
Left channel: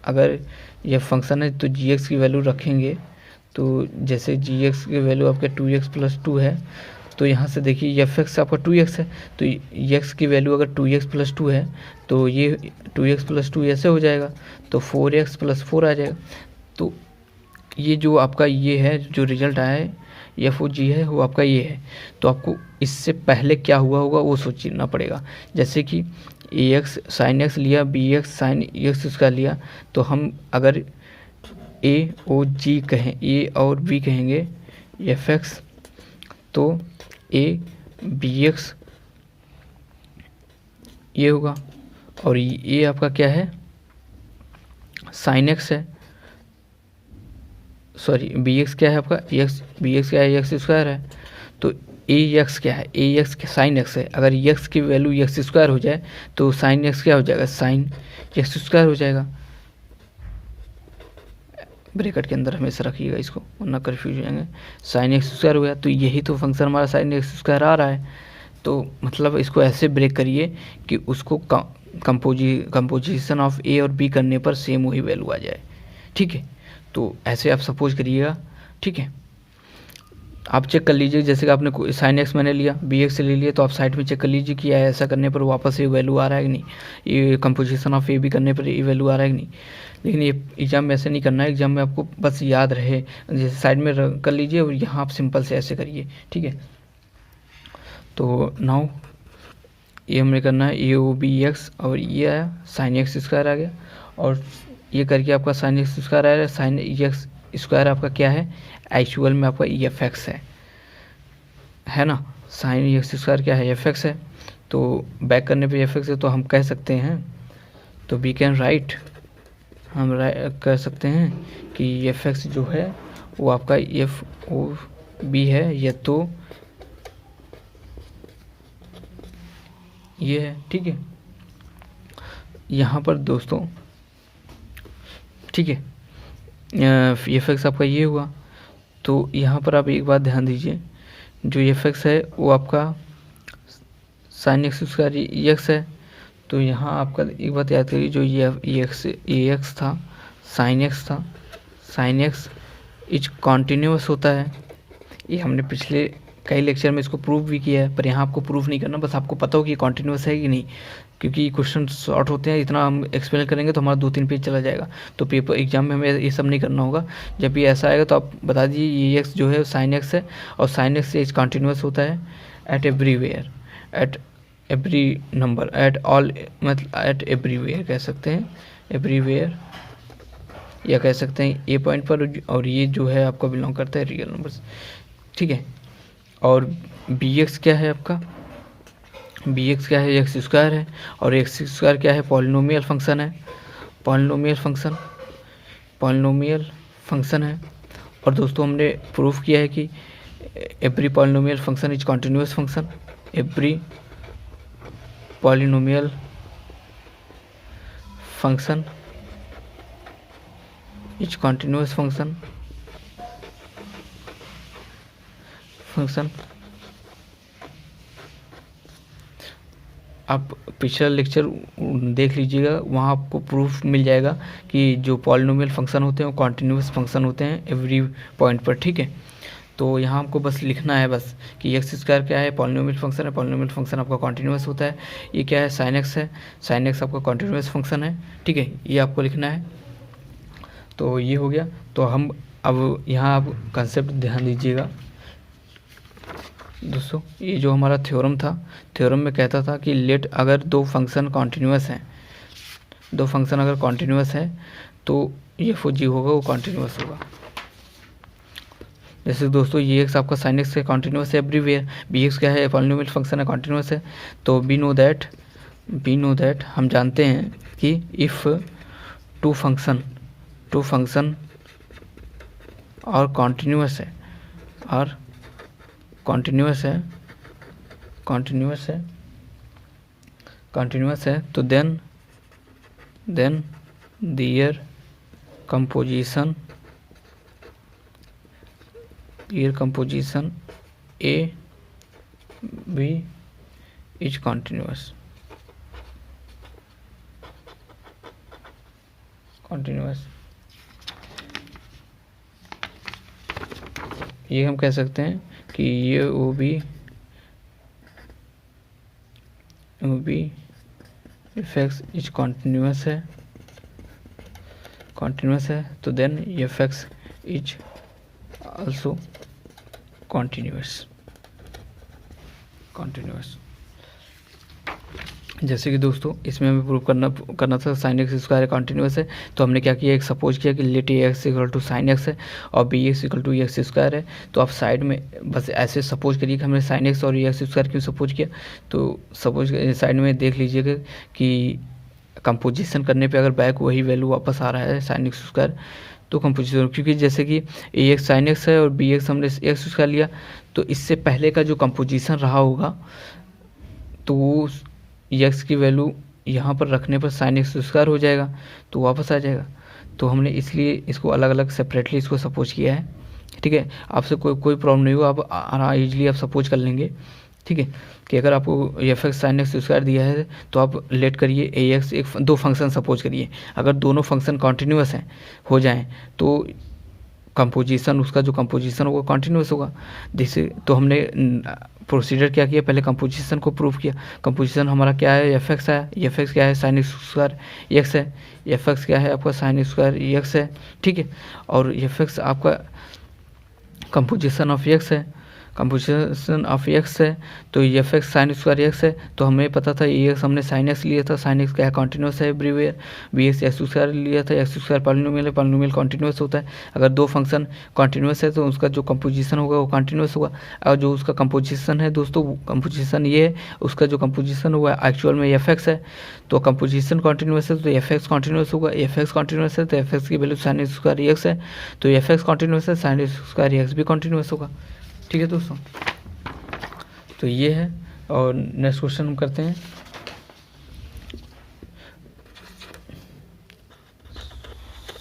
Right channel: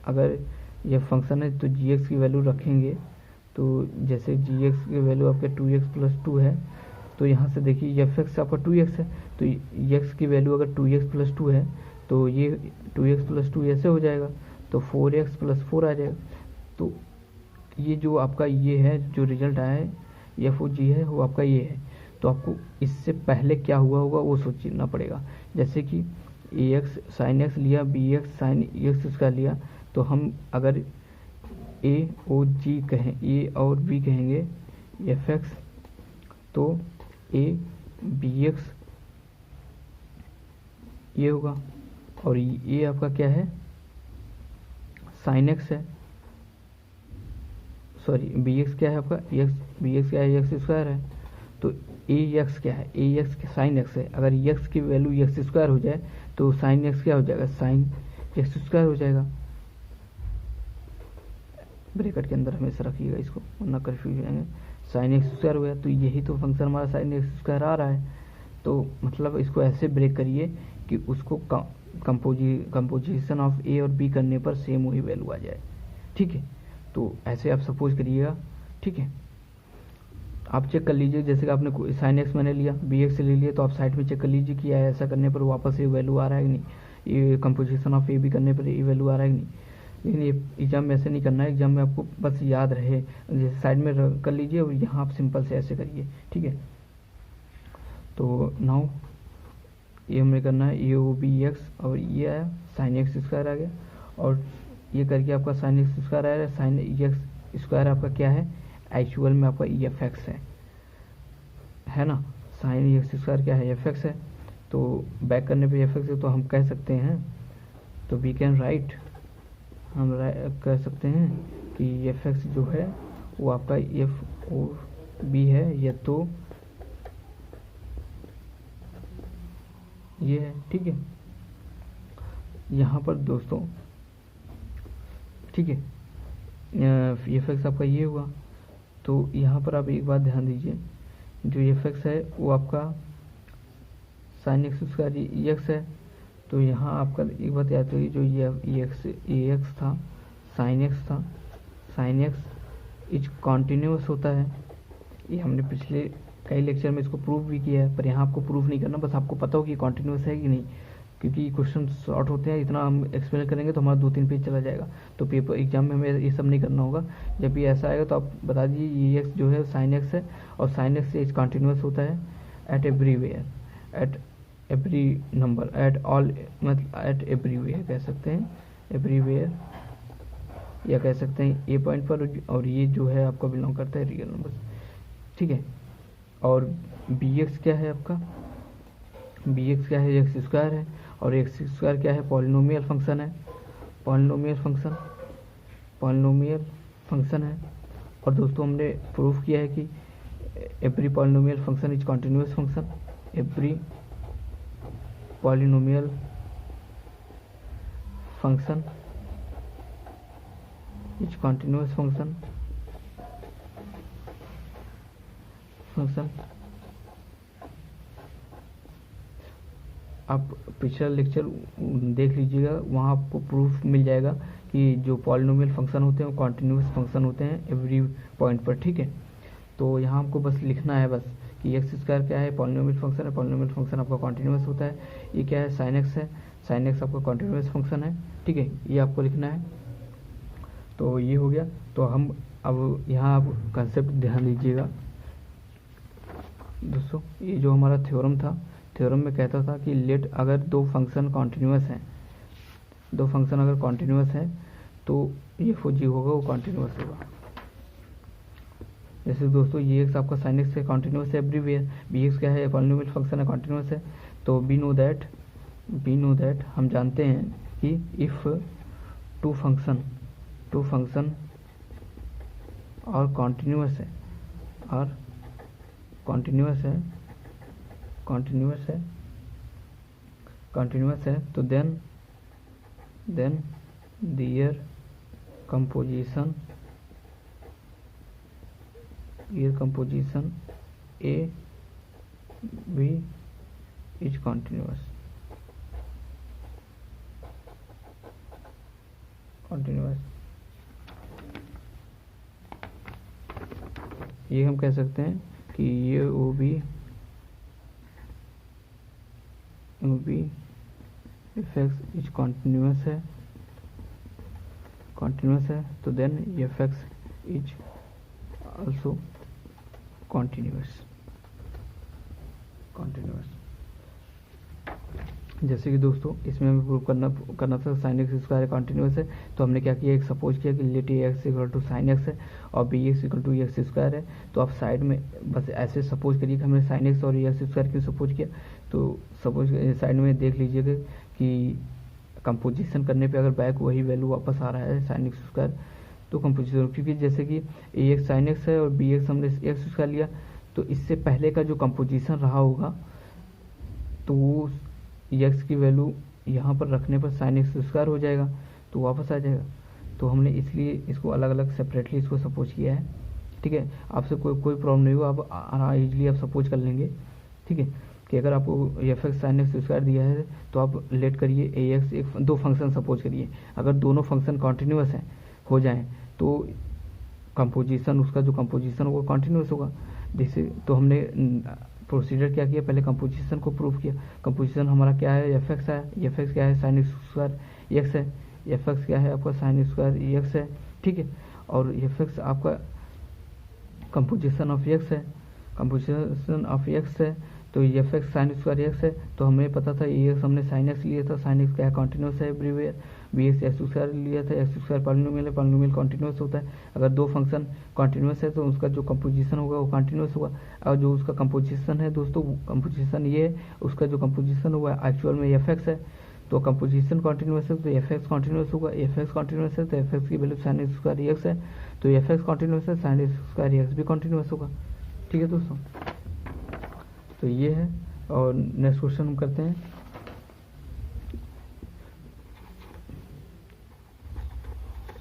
अगर F फंक्शन है तो GX की वैल्यू रखेंगे। तो जैसे GX की वैल्यू आपके 2x + 2 है, तो यहाँ से देखिए FX आपका 2x है, तो x की वैल्यू अगर 2x + 2 है तो ये 2x + 2 ऐसे हो जाएगा, तो 4x + 4 आ जाएगा। तो ये जो आपका ये है, जो रिजल्ट आया है FOG है वो आपका ये है। तो आपको इससे पहले क्या हुआ होगा वो सोचना पड़ेगा। जैसे कि ए एक्स साइन एक्स लिया, b x sine x square लिया, तो हम अगर ए और जी कहें, ए और बी कहेंगे एफ एक्स, तो ए बी एक्स ये होगा, और ये आपका क्या है, साइन एक्स है, सॉरी बी एक्स क्या है आपका, एक्स, बी एक्स क्या है, एक्स स्क्वायर है, तो ए एक्स क्या है, ए एक्स साइन एक्स है, अगर एक्स की वैल्यू एक्स स्क्वायर हो जाए तो साइन एक्स क्या हो जाएगा, साइन एक्स स्क्वायर हो जाएगा। ब्रैकेट के अंदर हमेशा रखिएगा इसको, वरना कन्फ्यूज हो जाएंगे। साइन एक्स स्क्वायर हो गया, तो यही तो फंक्शन हमारा साइन एक्स स्क्वायर आ रहा है, तो मतलब इसको ऐसे ब्रेक करिए कि उसको कंपोजिशन ऑफ ए और बी करने पर सेम वही वैल्यू आ जाए, ठीक है। तो ऐसे आप सपोज करिएगा, ठीक है। आप चेक कर लीजिए, जैसे कि आपने साइन एक्स मैंने लिया, बी एक्स ले लिया, तो आप साइड में चेक कर लीजिए कि ऐसा करने पर वापस ये वैल्यू आ रहा है कि नहीं, ये कंपोजिशन ऑफ ए बी करने पर ये वैल्यू आ रहा है कि नहीं। लेकिन ये एग्जाम में ऐसे नहीं करना है, एग्जाम में आपको बस याद रहे, जैसे साइड में कर लीजिए और यहाँ आप सिंपल से ऐसे करिए, ठीक है। तो नाउ ये हमें करना है ए ओ बी एक्स, और ये आया साइन एक्स स्क्वायर आ गया, और ये करके आपका साइन एक्स स्क्वायर आ रहा है, साइन एक्स स्क्वायर आपका क्या है, एक्चुअल में आपका ई एफ एक्स है ना, साइन एक्स स्क्वायर क्या है, एफ एक्स है, तो बैक करने पे एफ एक्स है, तो हम कह सकते हैं, तो वी कैन राइट, हम कह सकते हैं कि एफ एक्स जो है वो आपका एफ ओ बी है, या तो ये है, ठीक है। यहाँ पर दोस्तों, ठीक है, एफ एक्स आपका ये हुआ, तो यहाँ पर आप एक बात ध्यान दीजिए, जो एफ एक्स है वो आपका साइन एक्स स्क्वायर एक्स है, तो यहाँ आपका एक बात याद करिए, जो ये एक्स था, साइन एक्स था, साइन एक्स इज कॉन्टीन्यूअस होता है, ये हमने पिछले कई लेक्चर में इसको प्रूव भी किया है, पर यहाँ आपको प्रूव नहीं करना, बस आपको पता हो कि कॉन्टीन्यूअस है कि नहीं, क्योंकि क्वेश्चन शॉर्ट होते हैं, इतना हम एक्सप्लेन करेंगे तो हमारा 2-3 पेज चला जाएगा, तो पेपर एग्जाम में हमें ये सब नहीं करना होगा। जब भी ऐसा आएगा तो आप बता दीजिए ये एक्स जो है साइन एक्स है, और साइन एक्स इज कॉन्टीन्यूअस होता है eight everywhere, at every number, at all, मतलब एट एवरीवेयर कह सकते हैं, एवरीवेयर, या कह सकते हैं ए पॉइंट पर, और ये जो है आपका बिलोंग करता है रियल नंबर्स, ठीक है। और बी एक्स क्या है आपका, बी एक्स क्या है, एक्स स्क्वायर है, और एक्स स्क्वायर क्या है, पॉलिनोमियल फंक्शन है, पॉलिनोमियल फंक्शन, पॉलिनोमियल फंक्शन है। और दोस्तों हमने प्रूफ किया है कि every polynomial function is continuous function, every polynomial function is continuous function, आप पिछला लेक्चर देख लीजिएगा, वहाँ आपको प्रूफ मिल जाएगा कि जो पॉलिनोमियल फंक्शन होते हैं वो कॉन्टिन्यूअस फंक्शन होते हैं एवरी पॉइंट पर, ठीक है। तो यहाँ आपको बस लिखना है बस कि एक्स स्क्वायर क्या है, पॉलिनोमियल फंक्शन है, पॉलिनोमियल फंक्शन आपका कॉन्टिन्यूअस होता है, ये क्या है, साइन एक्स है, साइन एक्स आपका कॉन्टिन्यूअस फंक्शन है, ठीक है, ये आपको लिखना है। तो ये हो गया, तो हम अब यहाँ आप कंसेप्ट ध्यान दीजिएगा दोस्तों, ये जो हमारा थ्योरम था, थ्योरम में कहता था कि लेट अगर दो फंक्शन कॉन्टिन्यूअस हैं, दो फंक्शन अगर कॉन्टिन्यूअस है तो ये फो जी होगा वो कॉन्टिन्यूअस होगा। जैसे दोस्तों ये एक्स आपका साइन एक्स है, कॉन्टिन्यूअस है एवरीवेयर, बी एक्स क्या है, पॉलिनोमियल फंक्शन है, कॉन्टिन्यूअस है। तो वी नो दैट हम जानते हैं कि इफ़ टू फंक्शन और कॉन्टिन्यूअस है, और कॉन्टिन्यूअस है, तो then their composition a b is continuous. ये हम कह सकते हैं कि ये o b f x is continuous है, तो then f x is also continuous. जैसे कि दोस्तों इसमें हमें प्रूव करना था साइन एक्स स्क्वायर कॉन्टिन्यूस है, तो हमने क्या किया, एक सपोज किया कि let a x equal to sine x है और b x equal to x square है। तो आप साइड में बस ऐसे सपोज करिए कि हमने साइन एक्स और एक्स स्क्वायर क्यों सपोज किया, तो सपोज साइड में देख लीजिएगा कि कंपोजिशन करने पे अगर बैक वही वैल्यू वापस आ रहा है साइन एक्स स्क्वायर, तो कंपोजिशन, क्योंकि जैसे कि ए एक्स साइन एक्स है और बी एक्स हमने एक्स स्क्वायर लिया, तो इससे पहले का जो कंपोजिशन रहा होगा तो वो एक्स की वैल्यू यहाँ पर रखने पर साइन एक्स स्क्वायर हो जाएगा, तो वापस आ जाएगा। तो हमने इसलिए इसको अलग अलग सेपरेटली इसको सपोज किया है। ठीक है, आपसे कोई प्रॉब्लम नहीं हो, आप ईजिली आप सपोज कर लेंगे। ठीक है, कि अगर आपको F x sine x square दिया है तो आप लेट करिए ए एक्स एक दो फंक्शन सपोज करिए, अगर दोनों फंक्शन कॉन्टीन्यूअस हैं हो जाएं तो कंपोजिशन, उसका जो कंपोजिशन होगा कॉन्टीन्यूअस होगा। जैसे तो हमने प्रोसीजर क्या किया, पहले कंपोजिशन को प्रूव किया। कंपोजिशन हमारा क्या है, एफ एक्स है, एफ एक्स क्या है साइन स्क्वायर एक्स है, एफ एक्स क्या है आपका साइन स्क्वायर एक्स है। ठीक है, और एफ एक्स आपका कंपोजिशन ऑफ एक्स है, कंपोजिशन ऑफ एक्स है, तो f x sine square x है। तो हमें पता था ए एक्स हमने साइन एक्स लिया था, साइन एक्स क्या है कॉन्टिन्यूस है everywhere. B x x square लिया था, एक्स स्क्वायर पॉलिनोमियल है, पॉलिनोमियल कॉन्टिन्यूस होता है। अगर दो फंक्शन कॉन्टिन्यूस है तो उसका जो कंपोजिशन होगा वो कॉन्टिन्यूस होगा। और जो उसका कंपोजिशन है दोस्तों, कंपोजिशन ये है, उसका जो कंपोजिशन हुआ एक्चुअल में एफ एक्स है, तो कंपोजिशन कॉन्टिन्यूस है तो एफ एक्स कॉन्टिन्यूस होगा। एफ एक्स कॉन्टिन्यूस है तो एफ एक्स की वैल्यू साइन स्क्वायर एक्स है, तो एफ एक्स कॉन्टिन्यूस है साइन स्क्वायर एक्स भी कॉन्टिन्यूस होगा। ठीक है दोस्तों, तो ये है। और नेक्स्ट क्वेश्चन हम करते हैं।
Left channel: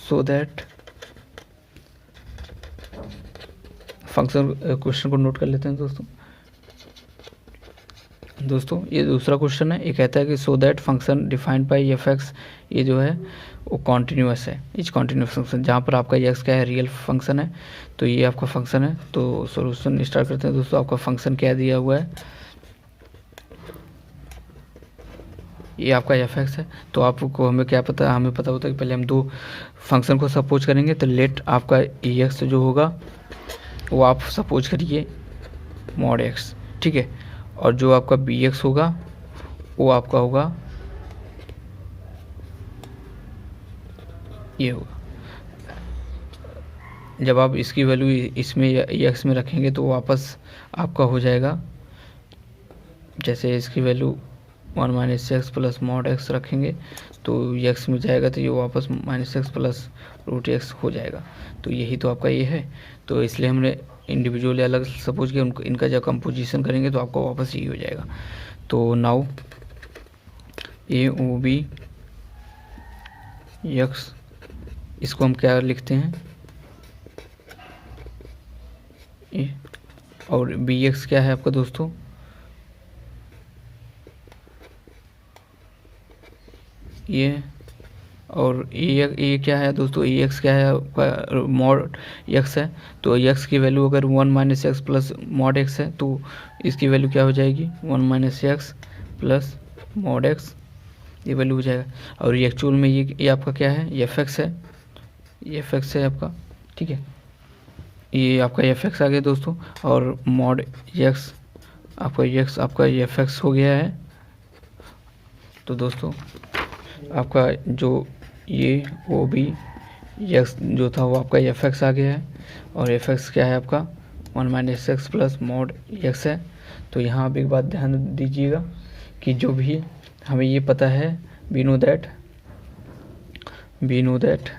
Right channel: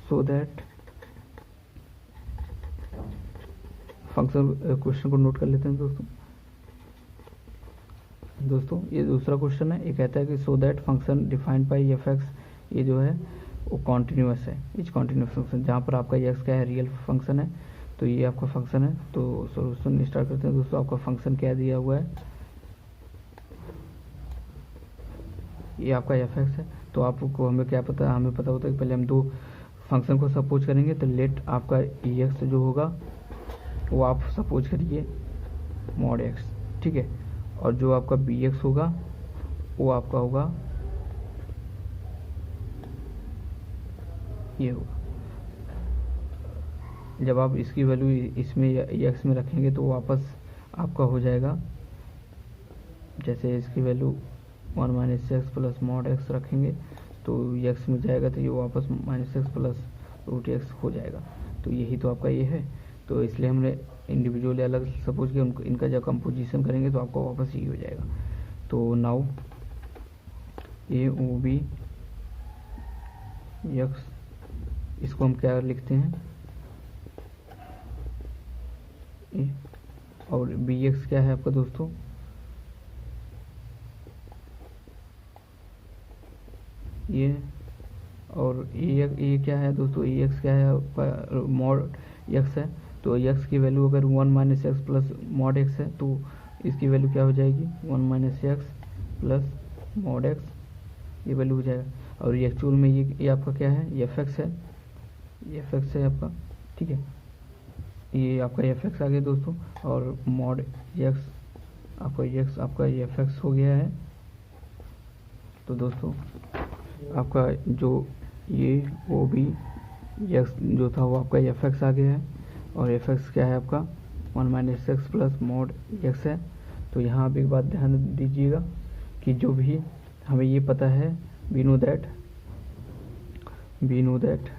सो दैट फंक्शन, क्वेश्चन को नोट कर लेते हैं दोस्तों ये दूसरा क्वेश्चन है। ये कहता है कि so that function defined by F x, ये जो है वो कॉन्टीन्यूअस है, इच कॉन्टीन्यूअस फंक्शन, जहाँ पर आपका एक्स क्या है रियल फंक्शन है, तो ये आपका फंक्शन है। तो सॉल्यूशन स्टार्ट करते हैं दोस्तों। आपका फंक्शन क्या दिया हुआ है, ये आपका एफ एक्स है। तो आपको हमें क्या पता, हमें पता होता है कि पहले हम दो फंक्शन को सपोज करेंगे, तो लेट आपका ई एक्स जो होगा वो आप सपोज करिए मॉड एक्स। ठीक है, और जो आपका बी एक्स होगा वो आपका होगा ये होगा। जब आप इसकी वैल्यू इसमें एक्स में रखेंगे तो वापस आपका हो जाएगा, जैसे इसकी value 1 minus x plus mod x रखेंगे तो एक्स में जाएगा, तो ये वापस minus x plus root x हो जाएगा। तो यही तो आपका ये है, तो इसलिए हमने इंडिविजुअली अलग सपोज किया, उनको इनका जब कंपोजिशन करेंगे तो आपको वापस यही हो जाएगा। तो नाउ ए ओ बी एक्स, इसको हम क्या लिखते हैं ए, और बी एक्स क्या है आपका दोस्तों, ये, और ए क्या है दोस्तों, ए एक्स क्या है आपका मॉड एक्स है। तो एक्स की वैल्यू अगर 1 minus x plus mod x है तो इसकी वैल्यू क्या हो जाएगी 1 minus x plus mod x, ये वैल्यू हो जाएगा। और ये एक्चुअल में ये आपका क्या है, एफ एक्स है, ये एफ एक्स है आपका। ठीक है, ये आपका एफ एक्स आ गया दोस्तों, और मॉड एक्स आपका एक्स आपका एफ एक्स हो गया है। तो दोस्तों आपका जो ये वो भी एक्स जो था वो आपका एफ एक्स आ गया है, और एफ एक्स क्या है आपका 1 minus x plus mod x है। तो यहाँ आप एक बात ध्यान दीजिएगा कि जो भी हमें ये पता है, वी नो दैट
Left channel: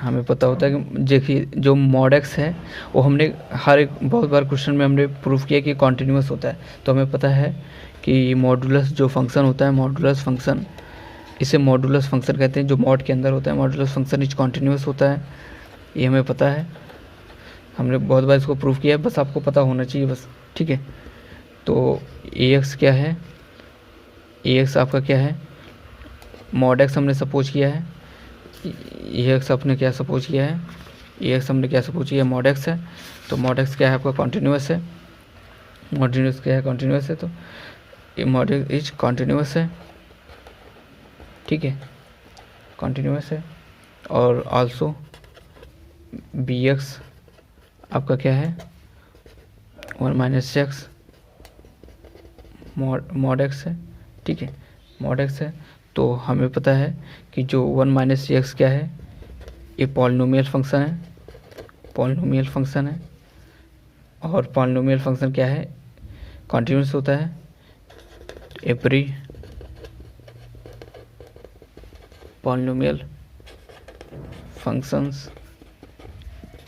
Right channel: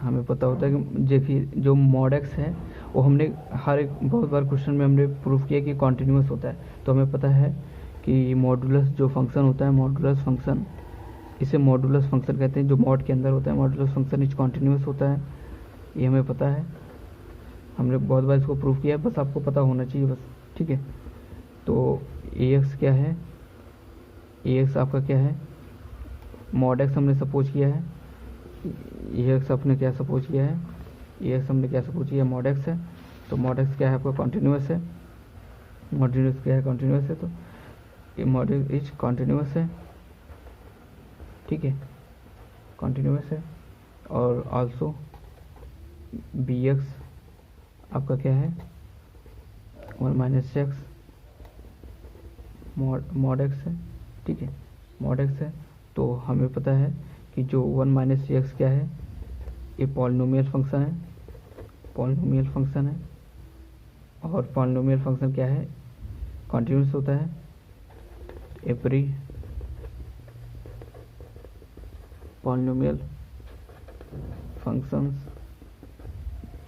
हमें पता होता है कि देखिए जो मॉड एक्स है वो हमने हर एक बहुत बार क्वेश्चन में हमने प्रूफ किया कि कॉन्टीन्यूअस होता है। तो हमें पता है कि मॉडुलस जो फंक्शन होता है, मॉडुलस फंक्शन, इसे मॉडुलस फंक्शन कहते हैं, जो मॉड के अंदर होता है। मॉडुलस फंक्शन इज कॉन्टीन्यूअस होता है, ये हमें पता है, हमने बहुत बार इसको प्रूफ किया है, बस आपको पता होना चाहिए बस। ठीक है, तो ए एक्स क्या है, ए एक्स आपका क्या है मॉड एक्स हमने सपोज किया है, ए एक्स आपने क्या सपोज किया है, ए एक्स हमने क्या सपोज किया है मॉड एक्स है। तो मॉड एक्स क्या है आपका कॉन्टीन्यूअस है, मॉडुलस क्या है कॉन्टीन्यूअस है, तो ये मॉड एक्स इज कॉन्टीन्यूअस है। ठीक है, कॉन्टीन्यूअस है। और आल्सो बी एक्स आपका क्या है 1 माइनस एक्स मॉड एक्स है, ठीक है, मॉड एक्स है। तो हमें पता है कि जो 1 माइनस एक्स क्या है, ये पॉलिनोमियल फंक्शन है, पॉलिनोमियल फंक्शन है। और पॉलिनोमियल फंक्शन क्या है, कॉन्टिन्यूस होता है। Every polynomial functions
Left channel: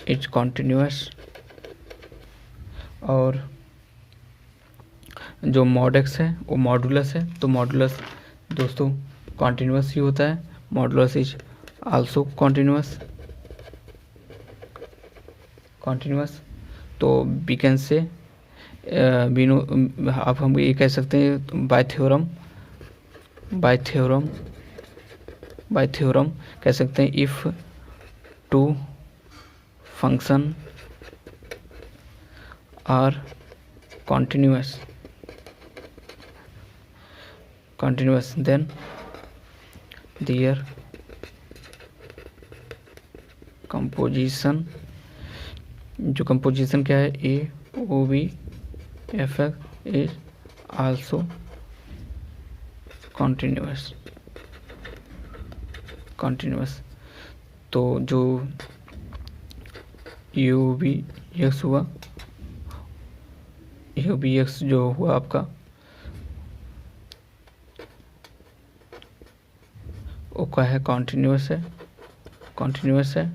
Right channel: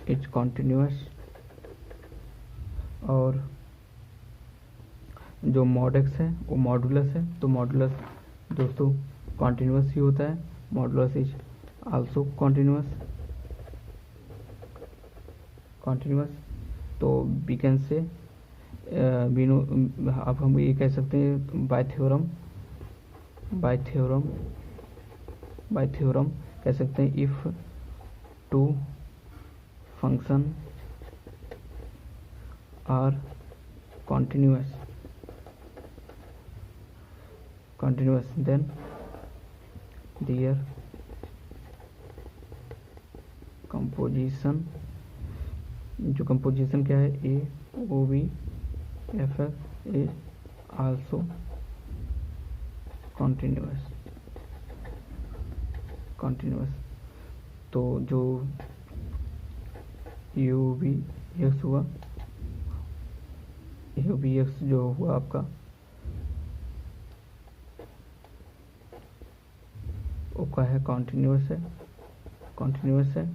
is continuous. और जो मॉड एक्स है वो मॉडुलस है, तो मॉडुलस दोस्तों कॉन्टिन्यूस ही होता है, मॉडुलस इज आल्सो कॉन्टिन्यूस। तो वी कैन से अब हम ये कह सकते हैं बाय थ्योरम कह सकते हैं, if two function are continuous then their composition, जो कंपोजिशन क्या है, a o b f x is also continuous. तो जो यू बी एक्स हुआ, यू बी एक्स जो हुआ आपका, वो क्या है, कॉन्टिन्यूस है।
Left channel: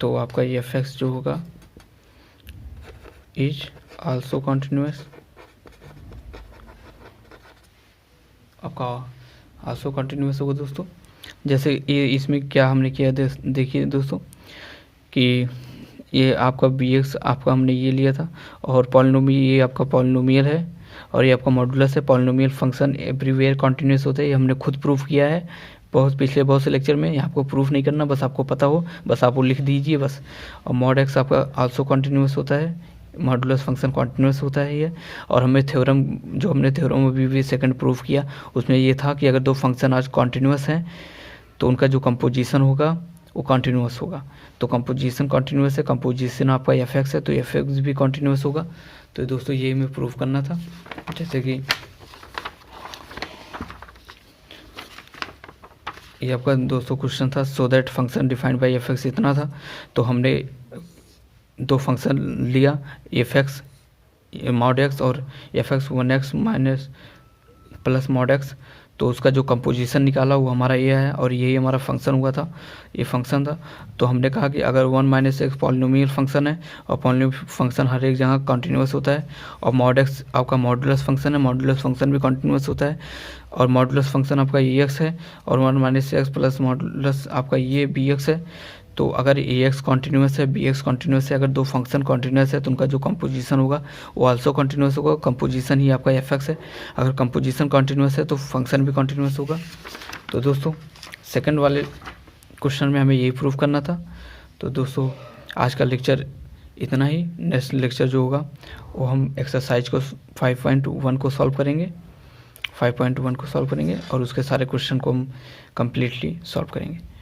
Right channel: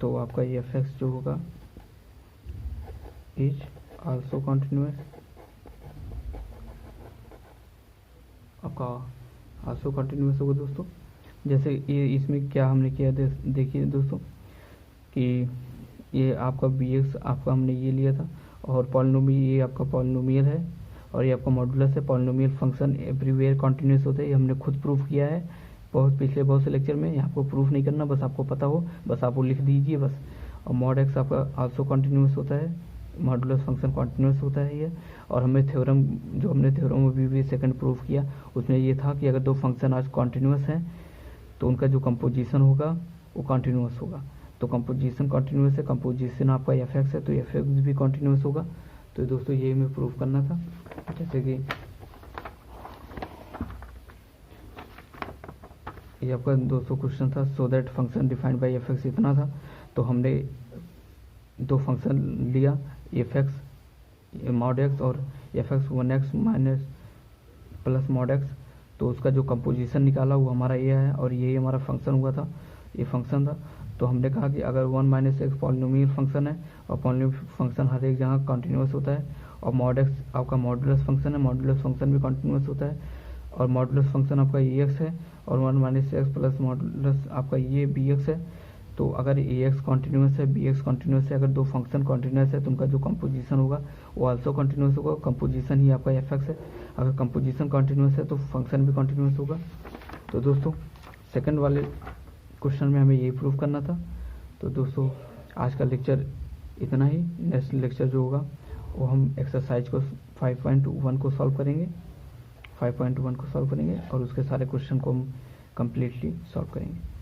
तो आपका ये एफ एक्स जो होगा इज आल्सो कॉन्टिन्यूस, आपका आल्सो कॉन्टिन्यूस होगा दोस्तों। जैसे ये इसमें क्या हमने किया, देखिए दोस्तों कि ये आपका बी एक्स आपका हमने ये लिया था, और ये आपका पॉलिनोमियल है, और ये आपका मॉडुलस है। पॉलिनोमियल फंक्शन एवरीवेयर कॉन्टिन्यूस होता है, ये हमने खुद प्रूफ किया है पिछले बहुत से लेक्चर में। आपको प्रूफ नहीं करना, बस आपको पता हो, बस आप वो लिख दीजिए बस। और मॉड एक्स आपका आल्सो कॉन्टिन्यूस होता है, मॉडुलस फंक्शन कॉन्टिन्यूस होता है ये। और हमने थ्योरम अभी भी सेकंड प्रूफ किया, उसमें ये था कि अगर दो फंक्शन आज कॉन्टिन्यूस हैं तो उनका जो कंपोजिशन होगा वो कॉन्टिन्यूस होगा। तो कंपोजिशन कॉन्टिन्यूस है, कंपोजिशन आपका एफ एक्स है, तो एफ एक्स भी कॉन्टिन्यूस होगा। तो दोस्तों ये हमें प्रूफ करना था। जैसे कि ये आपका दोस्तों क्वेश्चन था, so that function defined by F x इतना था। तो हमने दो फंक्शन लिया, एफ एक्स मॉड एक्स और f x 1x minus plus mod x. तो उसका जो कंपोजिशन निकाला वो हमारा ये है, और यही हमारा फंक्शन हुआ था, ये फंक्शन था। तो हमने कहा कि अगर 1 माइनस एक्स पॉलिनोमियल फंक्शन है, और पॉलिनोमियल फंक्शन हर एक जगह कॉन्टिन्यूस होता है, और मॉड एक्स आपका मॉडुलस फंक्शन है, मॉडुलस फंक्शन भी कॉन्टिन्यूस होता है, और मॉडुलस फंक्शन आपका ए एक्स है, और 1 माइनस एक्स प्लस मॉडुलस आपका ये बी एक्स है। तो अगर ए एक्स कॉन्टिन्यूस है, बी एक्स कॉन्टिन्यूस है, अगर दो फंक्शन कॉन्टिन्यूस है तो उनका जो कंपोजिशन होगा वो आल्सो कॉन्टिन्यूस होगा। कंपोजिशन ही आपका एफ एक्स है, अगर कंपोजिशन कॉन्टिन्यूस है तो फंक्शन भी कॉन्टिन्यूस होगा। तो दोस्तों सेकंड वाले क्वेश्चन में हमें यही प्रूफ करना था। तो दोस्तों आज का लेक्चर इतना ही। नेक्स्ट लेक्चर जो होगा वो हम एक्सरसाइज को 5.1 को सॉल्व करेंगे, 5.1 को सॉल्व करेंगे, और उसके सारे क्वेश्चन को हम कम्प्लीटली सॉल्व करेंगे।